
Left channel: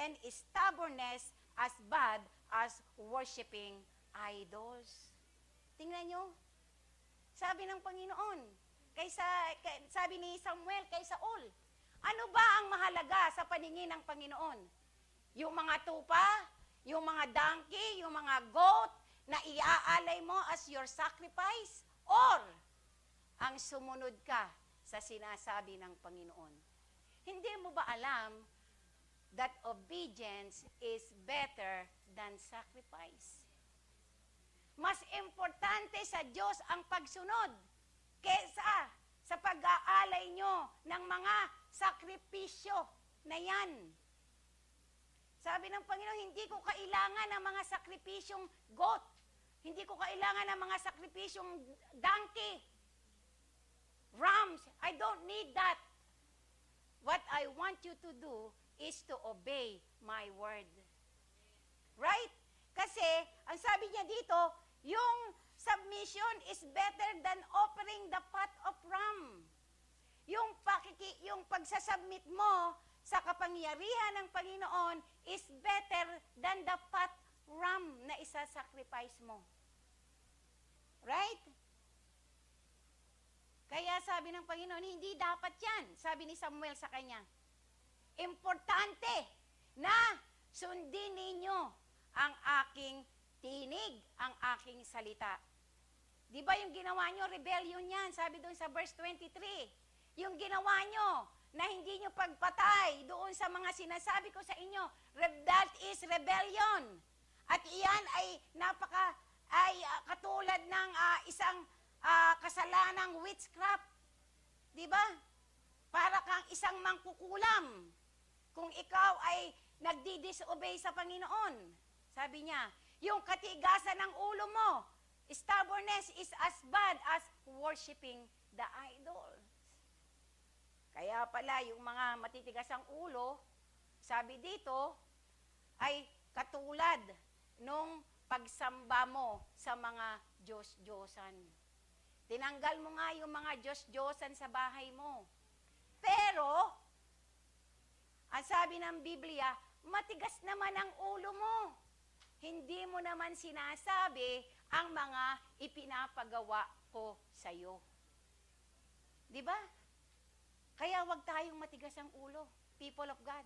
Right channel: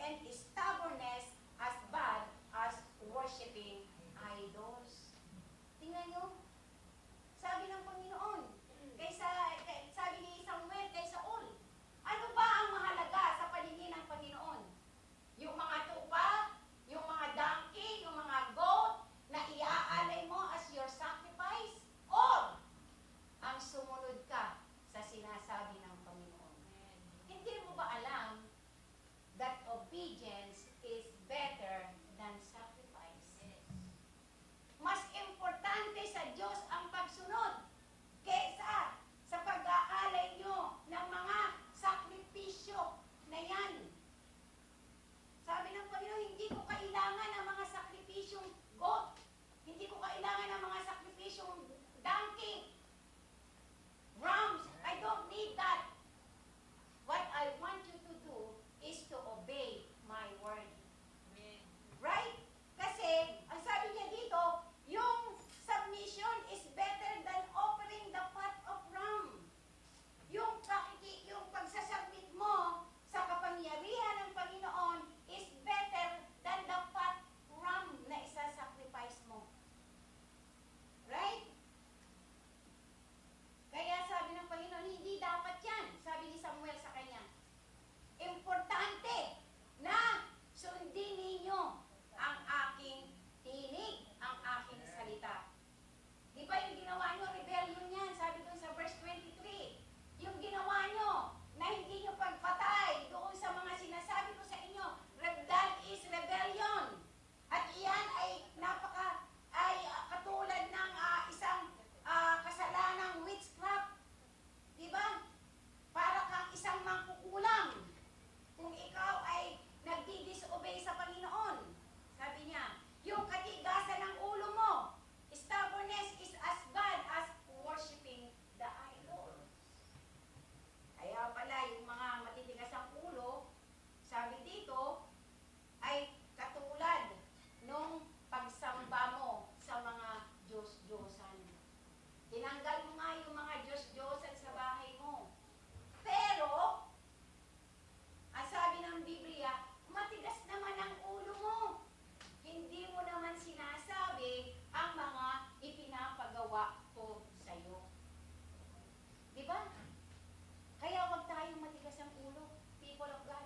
and stubbornness as bad as worshiping idols. Tingnan nyo, sabi ng Panginoon, sabi ni Samuel kay Saul, ano ba ang mahalaga sa paningin ng Panginoon? Yung mga tupa, yung mga donkey, yung mga goat na iaalay mo as your sacrifice, or ang sumunod ka sa sinasabi ng Panginoon? Hindi mo ba alam that obedience is better sakripisyong goat. Hindi ko kailangan ng mga sakripisyong donkey, rams. I don't need that. What I want you to do is to obey my word. Right? Kasi, ang sabi niya dito, yung submission is better than offering the fat of ram. Yung pagsasubmit mo sa kapangyarihan ng Panginoon is better than the fat ram na isa-sacrifice mo. Right? Kaya sabi ng Panginoon, hindi dapat yan. Sabi ni Samuel sa kanya, importante na sundin ninyo ang aking tinig, ang aking salita. Di ba yung ginawa nyo, rebellion yan, sabi doon sa verse 23. Yung ginawa nyo, na hindi nyo pagpatay doon sa mga sinasabi ko sa inyo, that is rebellion. At iyan ay katulad ng isang kasalanang witchcraft. Di ba? Para kang isang mangkukulam kung ikaw ay nagdi-disobey sa Panginoon. Sabi niya, yung katigasan ng ulo mo, stubbornness is as bad as worshiping the idols. Kaya pala, yung mga matitigas ang ulo, sabi dito, ay katulad nung pagsamba mo sa mga Diyos-Diyosan. Tinanggal mo nga yung mga Diyos-Diyosan sa bahay mo. Pero, ang sabi ng Biblia, matigas naman ang ulo mo. Hindi mo naman sinasabi ang mga ipinapagawa ko sa iyo. Di ba? Kaya wag tayong matigas ang ulo, people of God.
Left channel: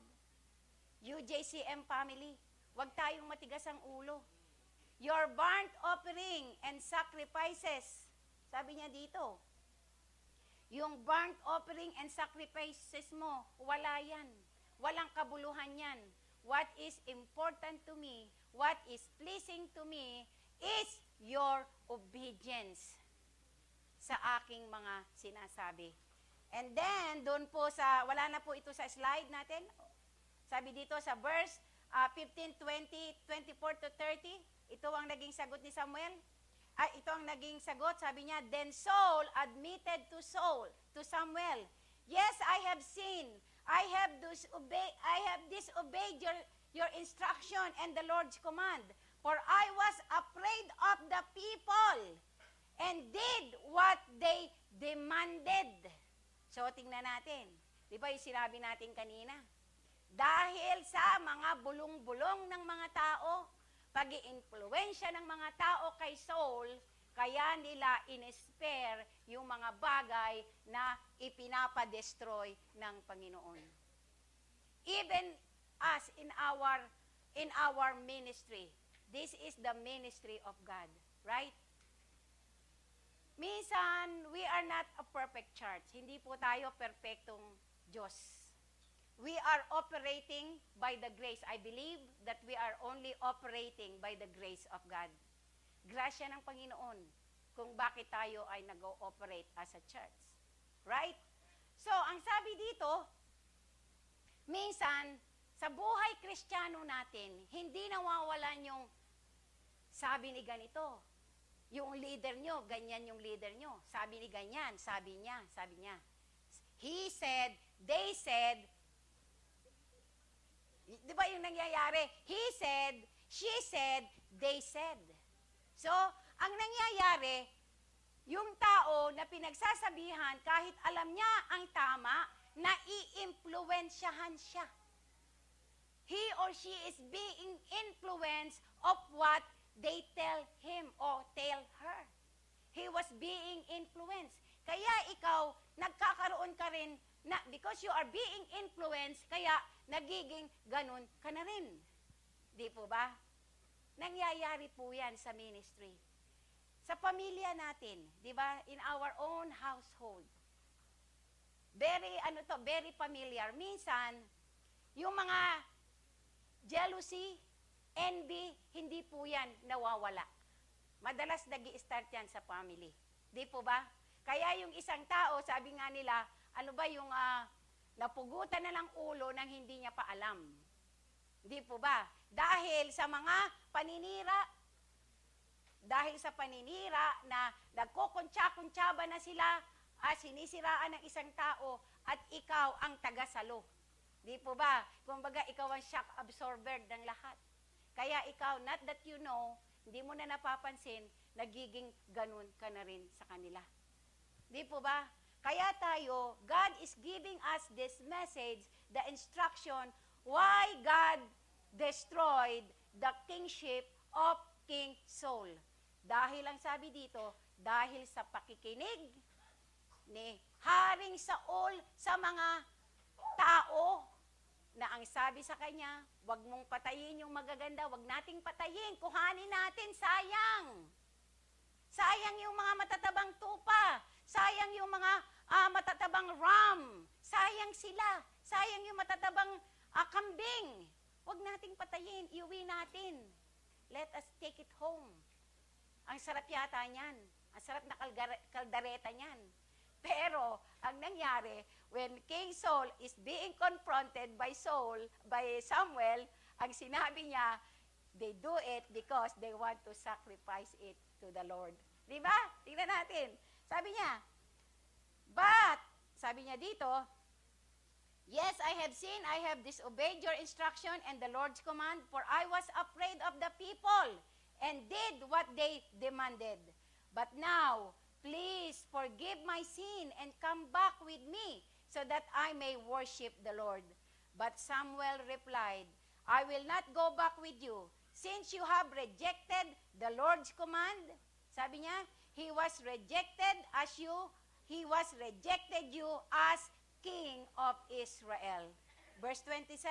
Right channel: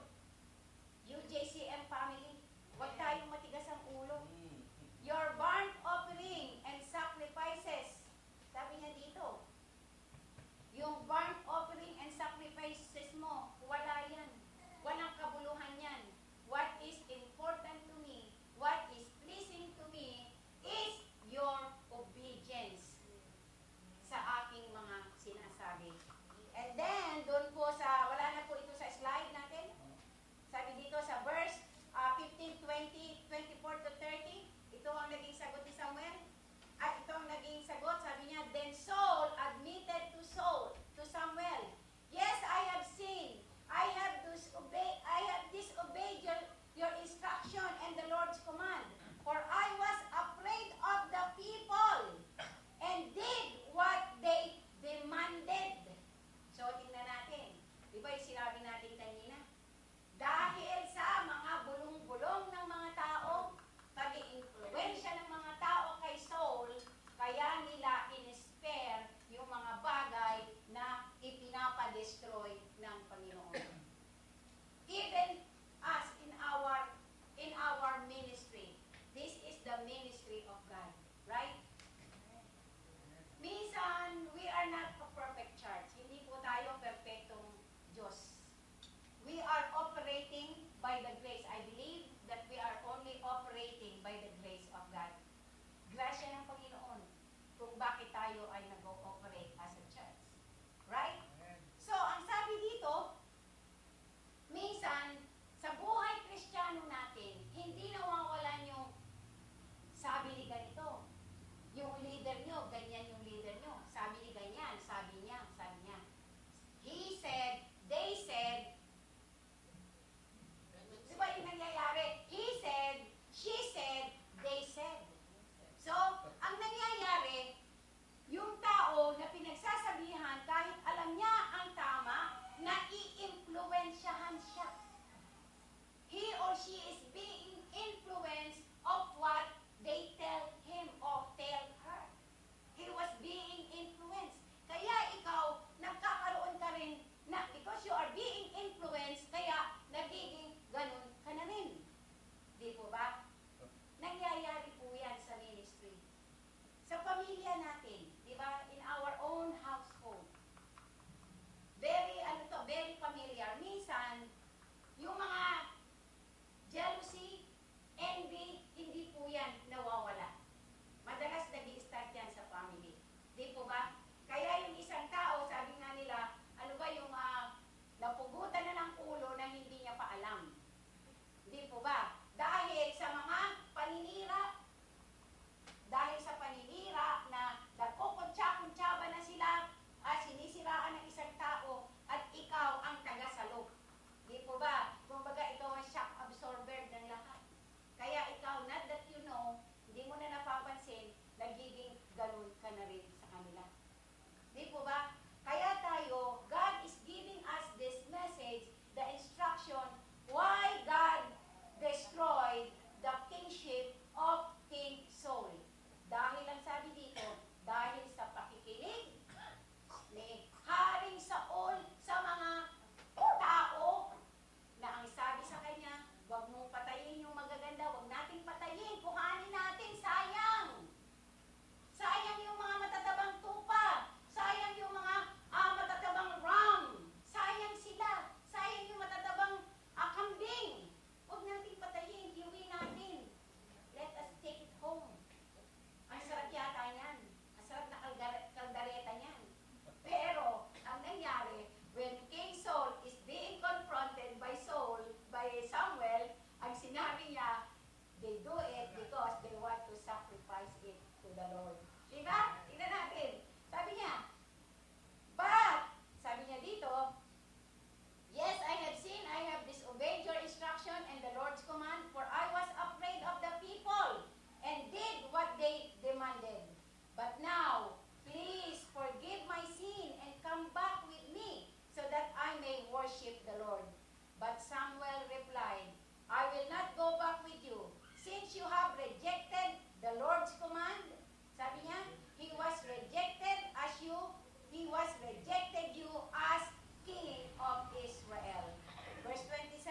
UJCM family, wag tayong matigas ang ulo. Your burnt offering and sacrifices, sabi niya dito, yung burnt offering and sacrifices mo, wala yan. Walang kabuluhan yan. What is important to me, what is pleasing to me, is your obedience sa aking mga sinasabi. And then, doon po sa, wala na po ito sa slide natin. Sabi dito sa verse 15, 20, 24 to 30, ito ang naging sagot ni Samuel. At ito ang naging sagot, sabi niya, then Saul admitted to Samuel, yes, I have sinned. I have disobeyed your instruction and the Lord's command. For I was afraid of the people and did what they demanded. So, tingnan natin. Di ba yung sinabi natin kanina? Dahil sa mga bulong-bulong ng mga tao, pag-i-influensya ng mga tao kay Saul, kaya nila in-spare yung mga bagay na ipinapadestroy ng Panginoon. Even us in our ministry, this is the ministry of God, right? Minsan, we are not a perfect church. Hindi po tayo perfectong Diyos. We are operating by the grace. I believe that we are only operating by the grace of God. Grasya ng Panginoon kung bakit tayo ay nag-ooperate as a church. Right? So, ang sabi dito, minsan, sa buhay Kristiyano natin, hindi nawawalan yung sabi ni ganito. Yung leader nyo, ganyan yung leader nyo. Sabi ni ganyan, sabi niya. He said, they said, di ba yung nangyayari? He said, she said, they said. So, ang nangyayari, yung tao na pinagsasabihan, kahit alam niya ang tama, nai-impluensyahan siya. He or she is being influenced of what they tell him or tell her. He was being influenced. Kaya ikaw, nagkakaroon ka rin, na, because you are being influenced, kaya nagiging ganun ka na rin. Di po ba? Nangyayari po yan sa ministry. Sa pamilya natin, di ba? In our own household. Very familiar. Minsan, yung mga jealousy, envy, hindi po yan nawawala. Madalas nag-i-start yan sa family. Di po ba? Kaya yung isang tao, sabi nga nila, ano ba yung napugutan na ng ulo na hindi niya pa alam. Di po ba? Dahil sa mga paninira, Di po ba? Kumbaga, ikaw ang shock absorber ng lahat. Kaya ikaw, not that you know, hindi mo na napapansin, nagiging ganun ka na rin sa kanila. Di po ba? Kaya tayo, God is giving us this message, the instruction, why God destroyed the kingship of King Saul. Dahil ang sabi dito, dahil sa pakikinig ni Haring Saul sa mga tao na ang sabi sa kanya, wag mong patayin yung magaganda, wag nating patayin, kuhanin natin, sayang. Sayang yung mga matatabang tupa, sayang yung mga matatabang ram, sayang sila, sayang yung matatabang kambing. Wag nating patayin, iuwi natin. Let us take it home. Ang sarap yata niyan. Ang sarap na kaldareta niyan. Pero, ang nangyari, when King Saul is being confronted by Samuel, ang sinabi niya, they do it because they want to sacrifice it to the Lord. Diba? Tingnan natin. Sabi niya, but, sabi niya dito, yes, I have sinned, I have disobeyed your instruction and the Lord's command, for I was afraid of the people and did what they demanded. But now, please forgive my sin and come back with me so that I may worship the Lord. But Samuel replied, I will not go back with you, since you have rejected the Lord's command. Sabi niya, he rejected you as king of Israel. Verse 27,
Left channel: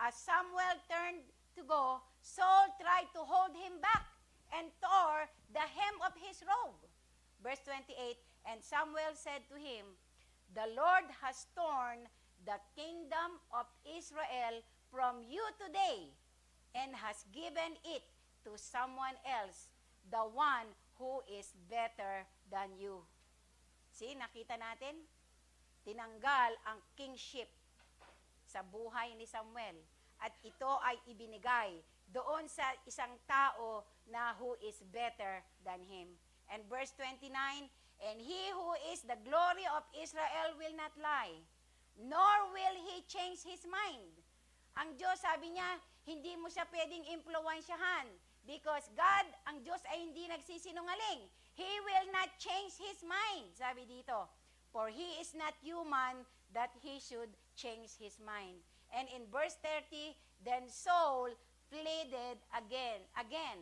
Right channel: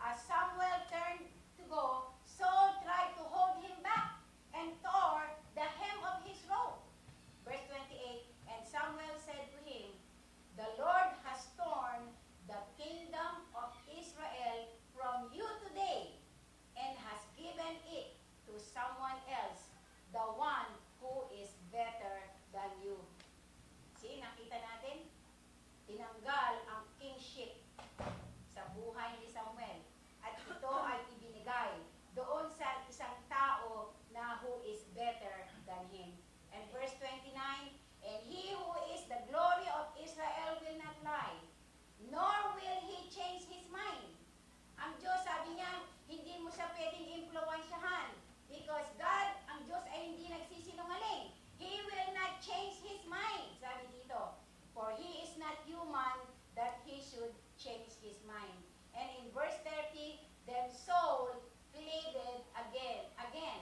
as Samuel turned to go, Saul tried to hold him back and tore the hem of his robe. Verse 28, and Samuel said to him, the Lord has torn the kingdom of Israel from you today and has given it to someone else, the one who is better than you. See, nakita natin? Tinanggal ang kingship sa buhay ni Samuel. At ito ay ibinigay doon sa isang tao na who is better than him. And verse 29, and he who is the glory of Israel will not lie, nor will he change his mind. Ang Diyos, sabi niya, hindi mo siya pwedeng impluwensyahan because God, ang Diyos ay hindi nagsisinungaling. He will not change his mind, sabi dito. For he is not human that he should change his mind. And in verse 30, then Saul pleaded again,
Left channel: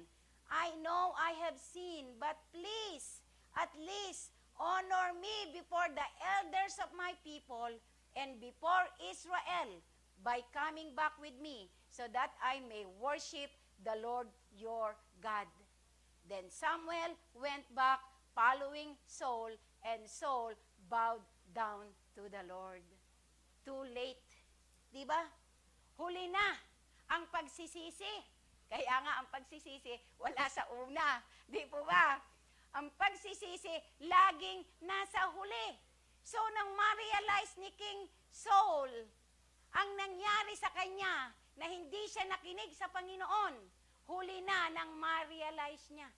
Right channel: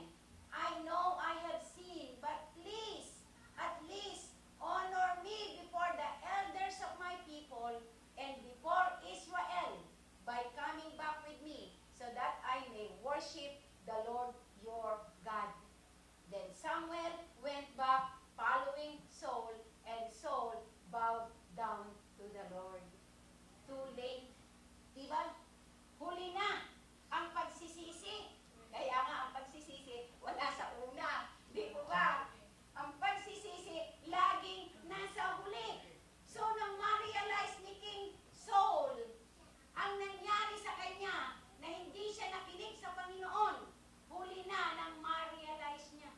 I know I have sinned, but please, at least, honor me before the elders of my people and before Israel by coming back with me, so that I may worship the Lord your God. Then Samuel went back following Saul, and Saul bowed down to the Lord. Too late. Diba? Huli na ang pagsisisi. Kaya nga ang pagsisisi, wala sa una. Di po ba? Ang pagsisisi, laging nasa huli. So, nang ma-realize ni King Saul, ang nangyari sa kanya, na hindi siya nakinig sa Panginoon, huli na nang ma-realize niya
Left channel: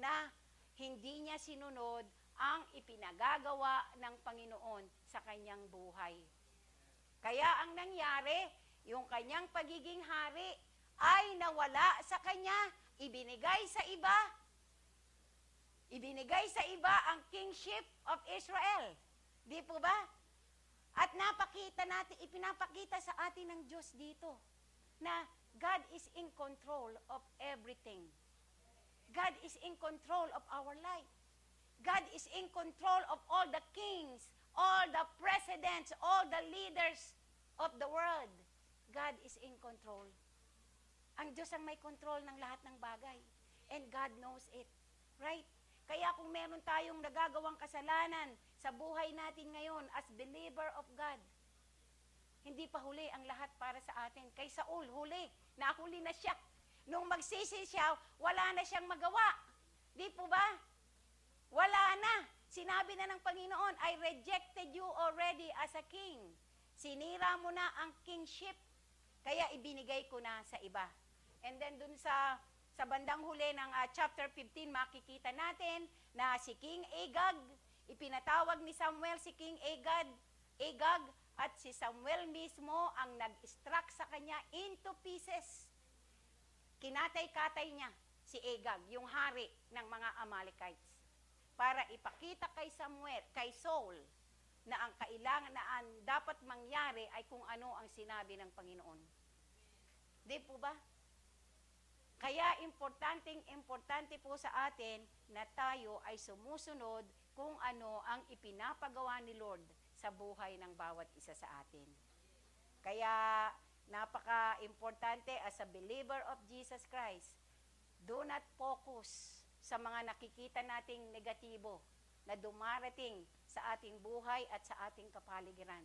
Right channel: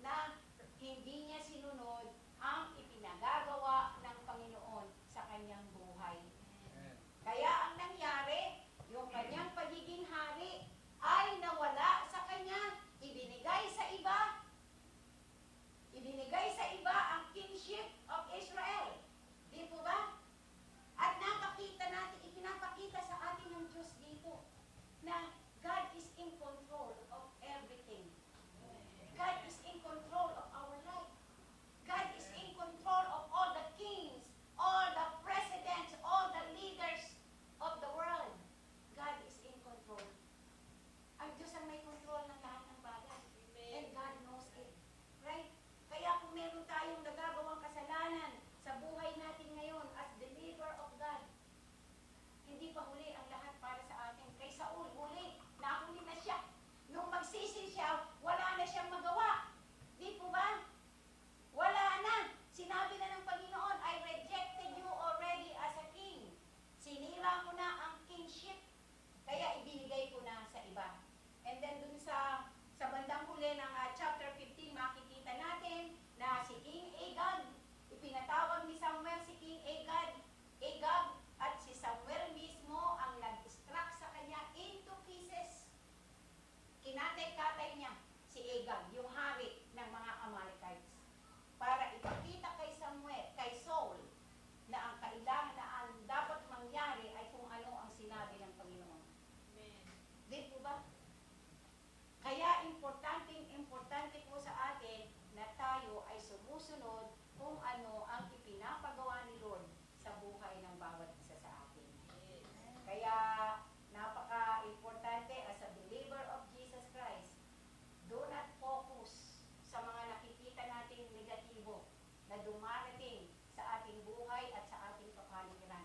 na hindi niya sinunod ang ipinagagawa ng Panginoon sa kanyang buhay. Kaya ang nangyari, yung kanyang pagiging hari ay nawala sa kanya, ibinigay sa iba. Ibinigay sa iba ang kingship of Israel. Di po ba? At ipinapakita sa atin ng Diyos dito na God is in control of everything. God is in control of our life. God is in control of all the kings, all the presidents, all the leaders of the world. God is in control. Ang Diyos ang may control ng lahat ng bagay. And God knows it. Right? Kaya kung meron tayong nagagawang kasalanan sa buhay natin ngayon as believer of God, hindi pa huli ang lahat para sa atin. Kay Saul, huli. Nahuli na siya. Nung magsisi siya, wala na siyang magawa. Di po ba? Wala na. Sinabi na ng Panginoon, I rejected you already as a king. Sinira mo na ang kingship. Kaya ibinigay ko na sa iba. And then dun sa bandang huli ng chapter 15, makikita natin na si King Agag, ipinatawag ni Samuel si King Agag, at si Samuel mismo ang kinatay-katay niya si Agag, yung hari ng mga Amalekites, para ipakita kay Samuel, kay Saul, na ang kailangan na ang dapat mangyari ay kung ano ang sinabi ng Panginoon. Di po ba? Kaya importante po sa atin na tayo ay sumusunod kung ano ang ipinapagawa ni Lord sa buhay ng bawat isa sa atin. Kaya napaka-importante as a believer of Jesus Christ, do not focus sa mga nakikita nating negatibo na dumarating sa ating buhay at sa ating kapaligiran.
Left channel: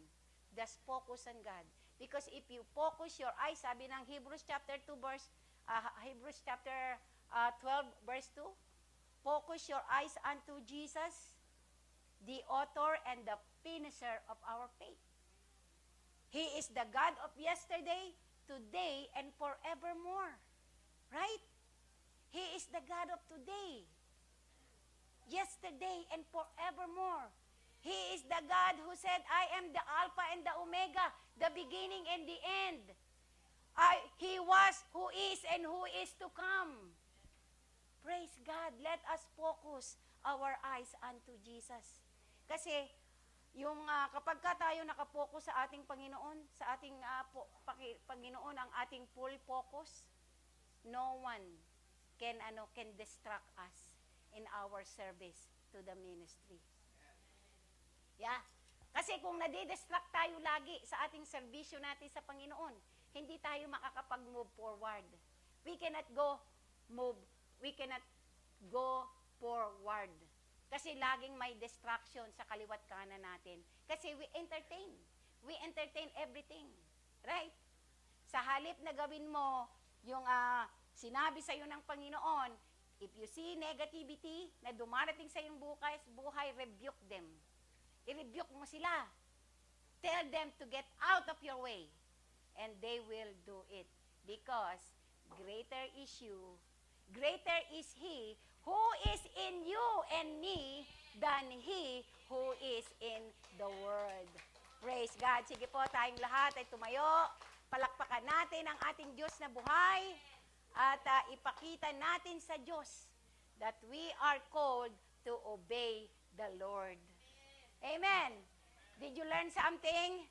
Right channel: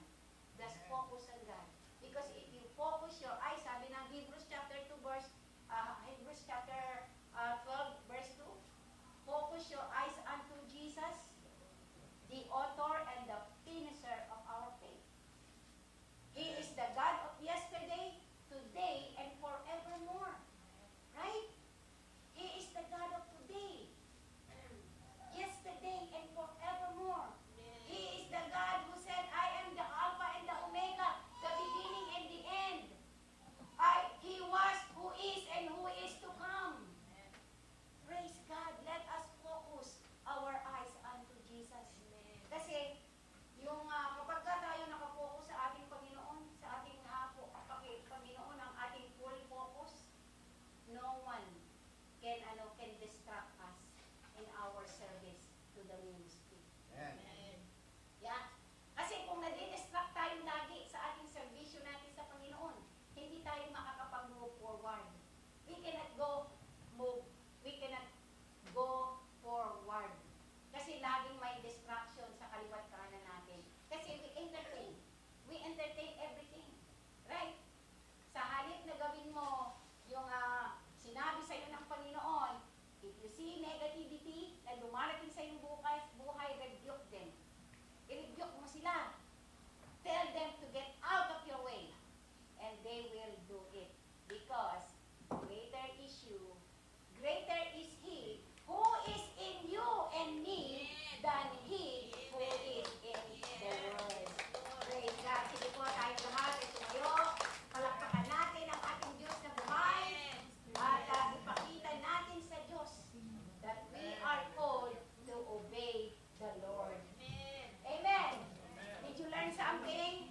Just focus on God. Because if you focus your eyes, sabi ng Hebrews chapter 12 verse 2, focus your eyes unto Jesus, the author and the finisher of our faith. He is the God of yesterday, today, and forevermore. Right? He is the God of today, yesterday, and forevermore. He is the God who said, I am the Alpha and the Omega, the beginning and the end. He was, who is, and who is to come. Praise God. Let us focus our eyes unto Jesus. Kasi, yung kapag tayo nakapokus sa ating Panginoon, sa ating Panginoon ang ating full focus, no one can distract us in our service to the ministry. Amen. Yeah. Kasi kung nadidistract tayo lagi sa ating serbisyo natin sa Panginoon, hindi tayo makakapag-move forward. We cannot go forward. Kasi laging may distraction sa kaliwat kanan natin. Kasi we entertain everything. Right? Sa halip na gawin mo yung sinabi sa iyo ng Panginoon, if you see negativity na dumarating sa iyong buhay, rebuke them. I-rebuke mo sila. Tell them to get out of your way. And they will do it. Because greater is He who is in you and me than He who is in the world. Praise God. Sige po, tayong lahat ay tumayo. Palakpakan natin ang ating Diyos na buhay. At ipakita natin sa Diyos that we are called to obey the Lord. Amen. Did you learn something?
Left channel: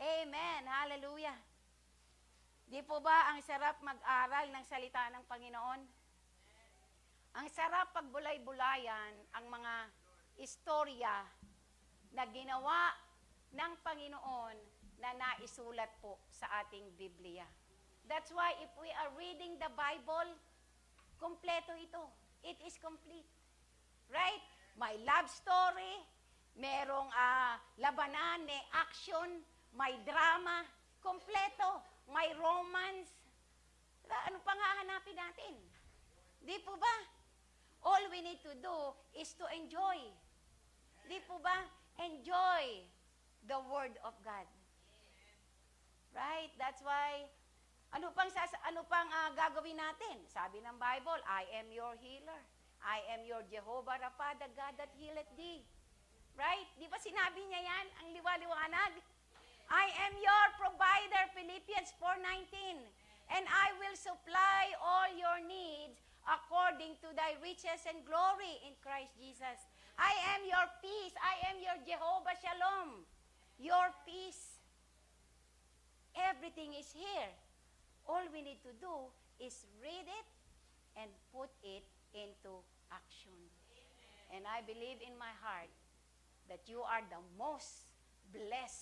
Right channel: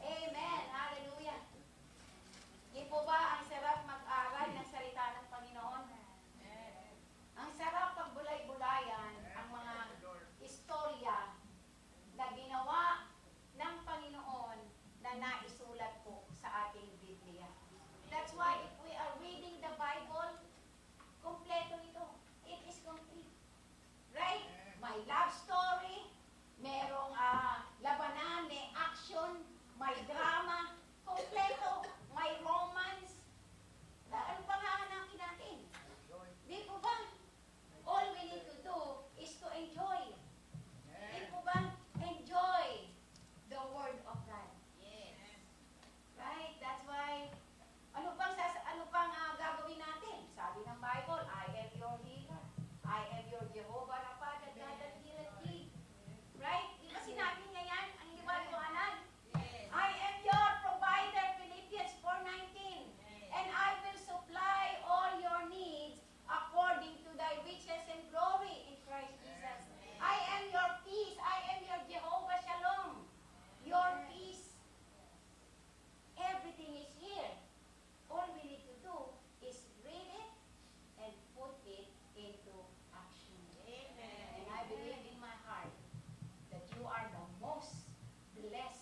Amen. Hallelujah. Di po ba ang sarap mag-aral ng salita ng Panginoon? Ang sarap pagbulay-bulayan ang mga istorya na ginawa ng Panginoon na naisulat po sa ating Biblia. That's why if we are reading the Bible, kompleto ito. It is complete. Right? May love story, merong labanan, may action, may drama, kompleto, may romance. Ano pa nga hanapin natin? Di po ba? All we need to do is to enjoy. Di po ba? Enjoy the Word of God. Right? That's why, ano pang gagawin natin? Sabi ng Bible, I am your healer. I am your Jehovah Rapha, the God that healeth thee. Right? Di ba sinabi niya yan? Ang liwaliwanag. I am your provider, Philippians 4:19. And I will supply all your needs according to thy riches and glory in Christ Jesus. I am your peace. I am your Jehovah Shalom. Your peace. Everything is here. All we need to do is read it and put it into action. Amen. And I believe in my heart that you are the most blessed